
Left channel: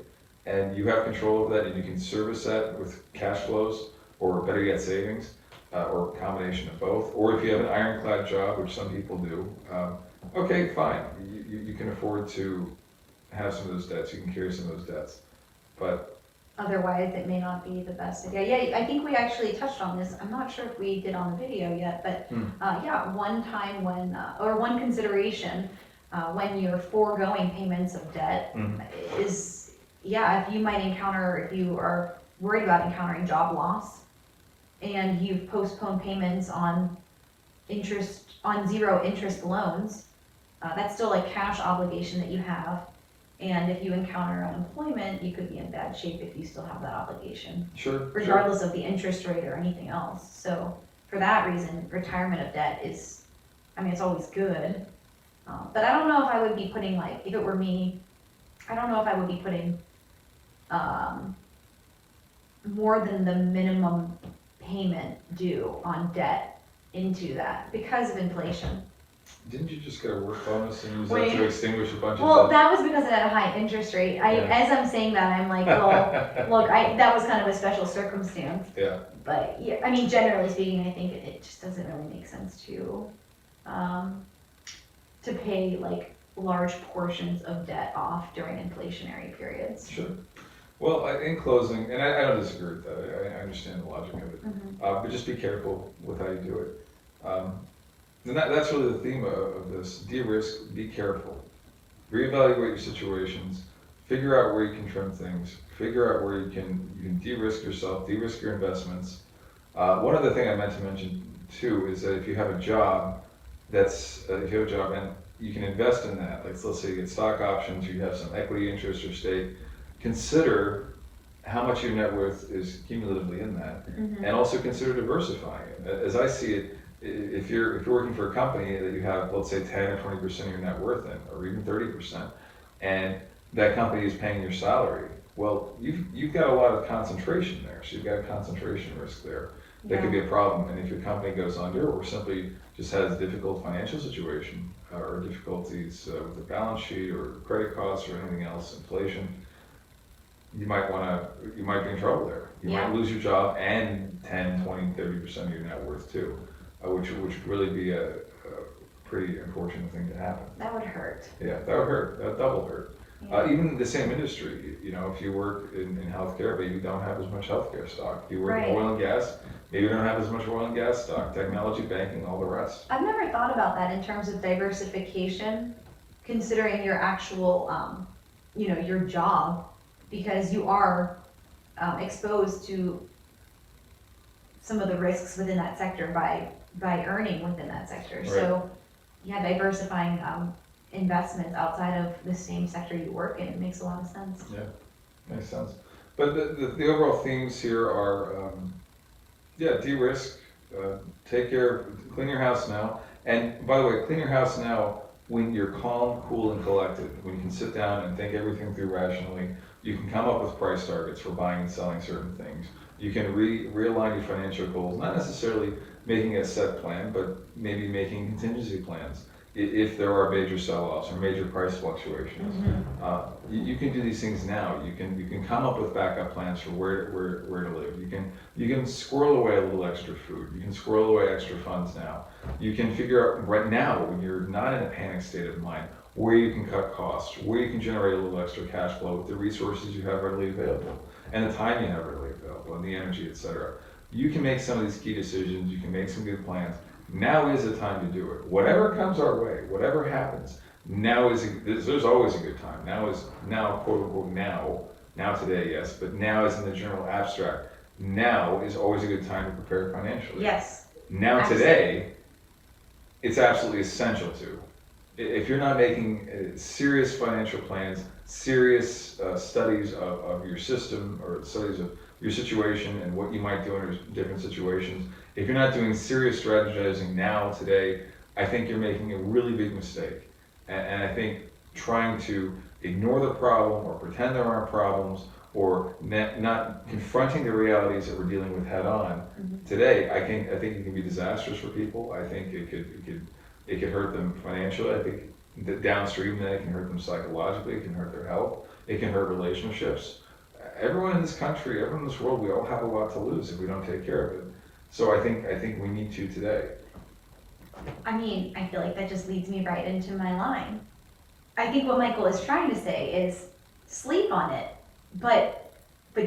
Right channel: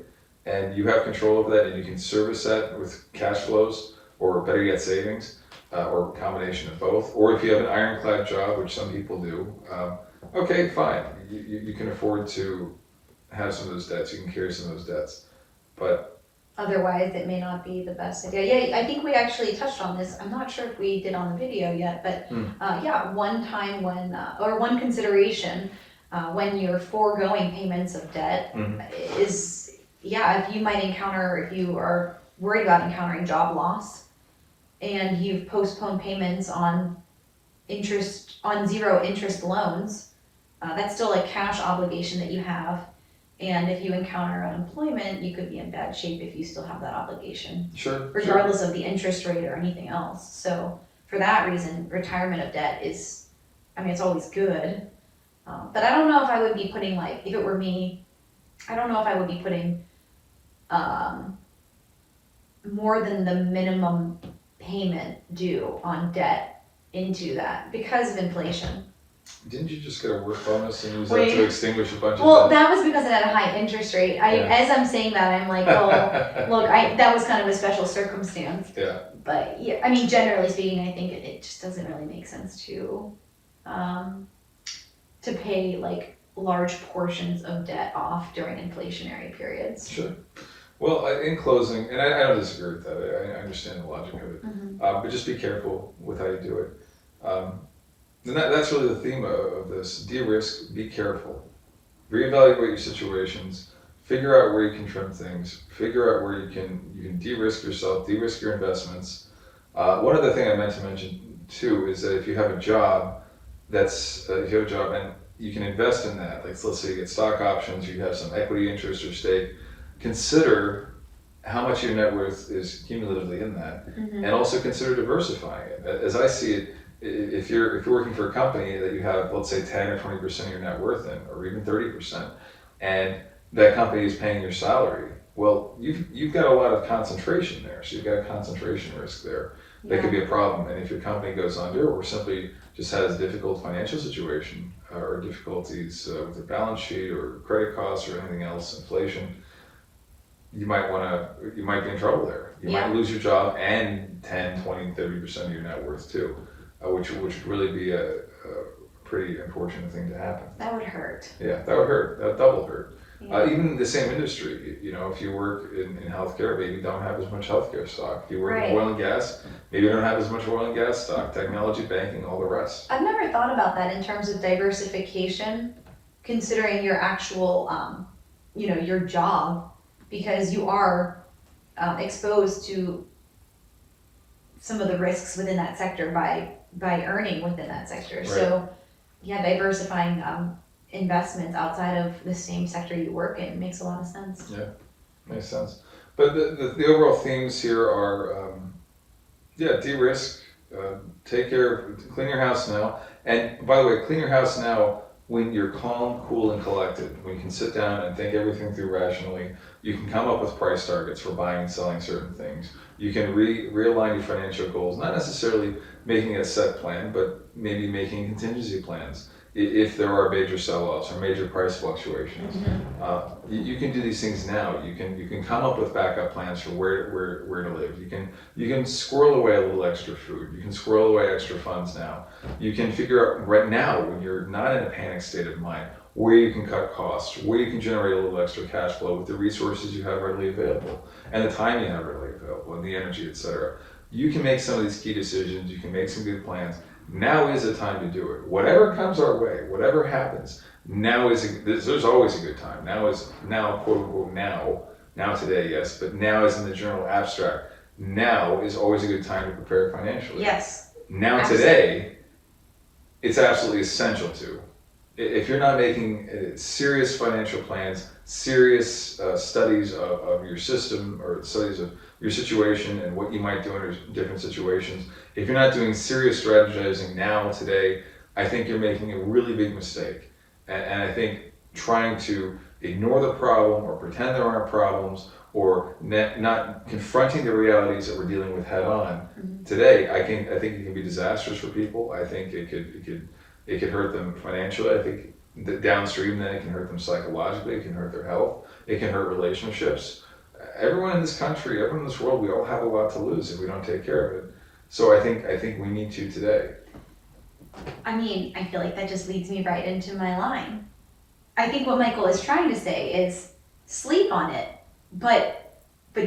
and you have control of that, and you can service that with cash flows, or better yet, savings, or a combination of both, or if you have an ironclad job, which some people do, okay, fine, you can afford to have some of those debts, you can carry some of those debts, but. Otherwise, it may not be the best idea. Yeah, I think we actually touched on this. I'm not sure if we did on the video yet, but yeah, one time when, or one consideration when you're foregoing payments of debt is, yeah, if you might encounter, if you are worried about encountering job loss and you've postponed payments on zero interest loans, that's still a cash obligation that you have. And if you encounter unemployment, you could be in bad shape if you still have that obligation. Sure. Regardless of the interest rate or anything else. So for that reason, retirement of debt is, I mean, it's always good. But I don't know if I would be putting, like, if it were me, I don't know if I would be putting more than the minimum payment due on debt into that because of inflation. Didn't you just get a work bonus and use that Wait. to extinguish a bunch of Well, debt? that was because it had a high interest rate. Yeah. As I'm saying that, I'm like, well, look, that was kind of a special circumstance. Yeah. But yeah, I mean, generally speaking, I think it just doesn't really make sense to pay like large portions of debt off during inflationary periods. Sure. Well, in closing, and I don't disagree with that. I understand the logic of it, but just be careful with how you do it. And that's really the theme of this. De-risk, be careful. Reevaluate your situations, figure out where you can trim things, figure out where you can de-risk yourself, de-risk your investments. One other thing I meant to mention too is that if you have a job that's, if you have a job and you can invest in that, like let's say you get stock options, you have some equity interest or stake, consider how much your net worth is cumulatively in that, and also consider diversifying it. As I see it, if you're working for a company that you have, let's say 10 or 20% of your net worth in, or even 30%, and that company is paying your salary, well, you've got a lot of concentration there, so you've got a concentration risk there. That could be a problem, and if your company goes under or simply just has a difficult financial situation or difficulties with the balance sheet or credit costs or anything else, inflation, you might be in trouble there. You might lose your job and 10, 20, 30% of your net worth too, which would really be a pretty unfortunate thing to happen. That would hurt. Yeah, that would hurt. That would double hurt. Yeah. Even the same industry, if you work in healthcare, maybe you don't have as much healthcare stock. If you work in oil and gas, maybe you don't have as much oil and gas stock, technology, banking, all the rest. I've never thought about that in terms of diversification, considering your actual, your job, because you are exposed to some of the risks within that sector by earning within that sector. Right. So, yeah, diversifying investments outside of the same sector you work in makes a lot of sense. Yeah, makes sense. But the overall themes here are, de-risk, take care, clean your house now. And by the way, clean your house now when you're calm, cool, and collected. When you can sit down and think everything through rationally. You can come up with price targets for buying and selling certain things. You can realign your financial goals, not necessarily making a set plan, but maybe making contingency plans. If there are major sell-offs or major price fluctuations, you can do these things now. You can come up with backup plans for where to live. You can squirrel away a little extra food. You can squirrel away extra funds now. You can figure out right now, when you're not in a panic state of mind, where you can cut costs, where you can generate a little extra cash flow with the resources you have readily available, and the time you have readily available, and the energy, etc. You can make some of these key decisions. You can make some good plans. Now is the time to do it. Whatever comes our way, whatever happens, there's always a good time. Now, quote unquote, now today, yes, but now is in the general abstract. Now is always a good time to prepare financially. Yes. Now Absolutely. Today, it's absolutely essential to. If you're not making serious financial plans, serious studies of your system or studies of your situation and what you might do under different situations, if you're not doing serious strategizing now, today, I think you're making a really big mistake. And I think trying to ignore the problem or pretend there aren't problems or not confronting the realities that we're dealing with head on today, I think it can be disastrous for people. I think it could hurt them financially. I think that downstream that it can hurt them psychologically. It can hurt their health. It can hurt relationships. Everyone in this country, everyone in this world, we all have a lot to lose if we don't take care of it. So I think we need to today. I mean, I feel like that just leads me right into my line. I think what Michael is trying to say is sleep on it, but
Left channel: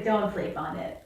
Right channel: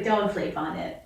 don't sleep on it.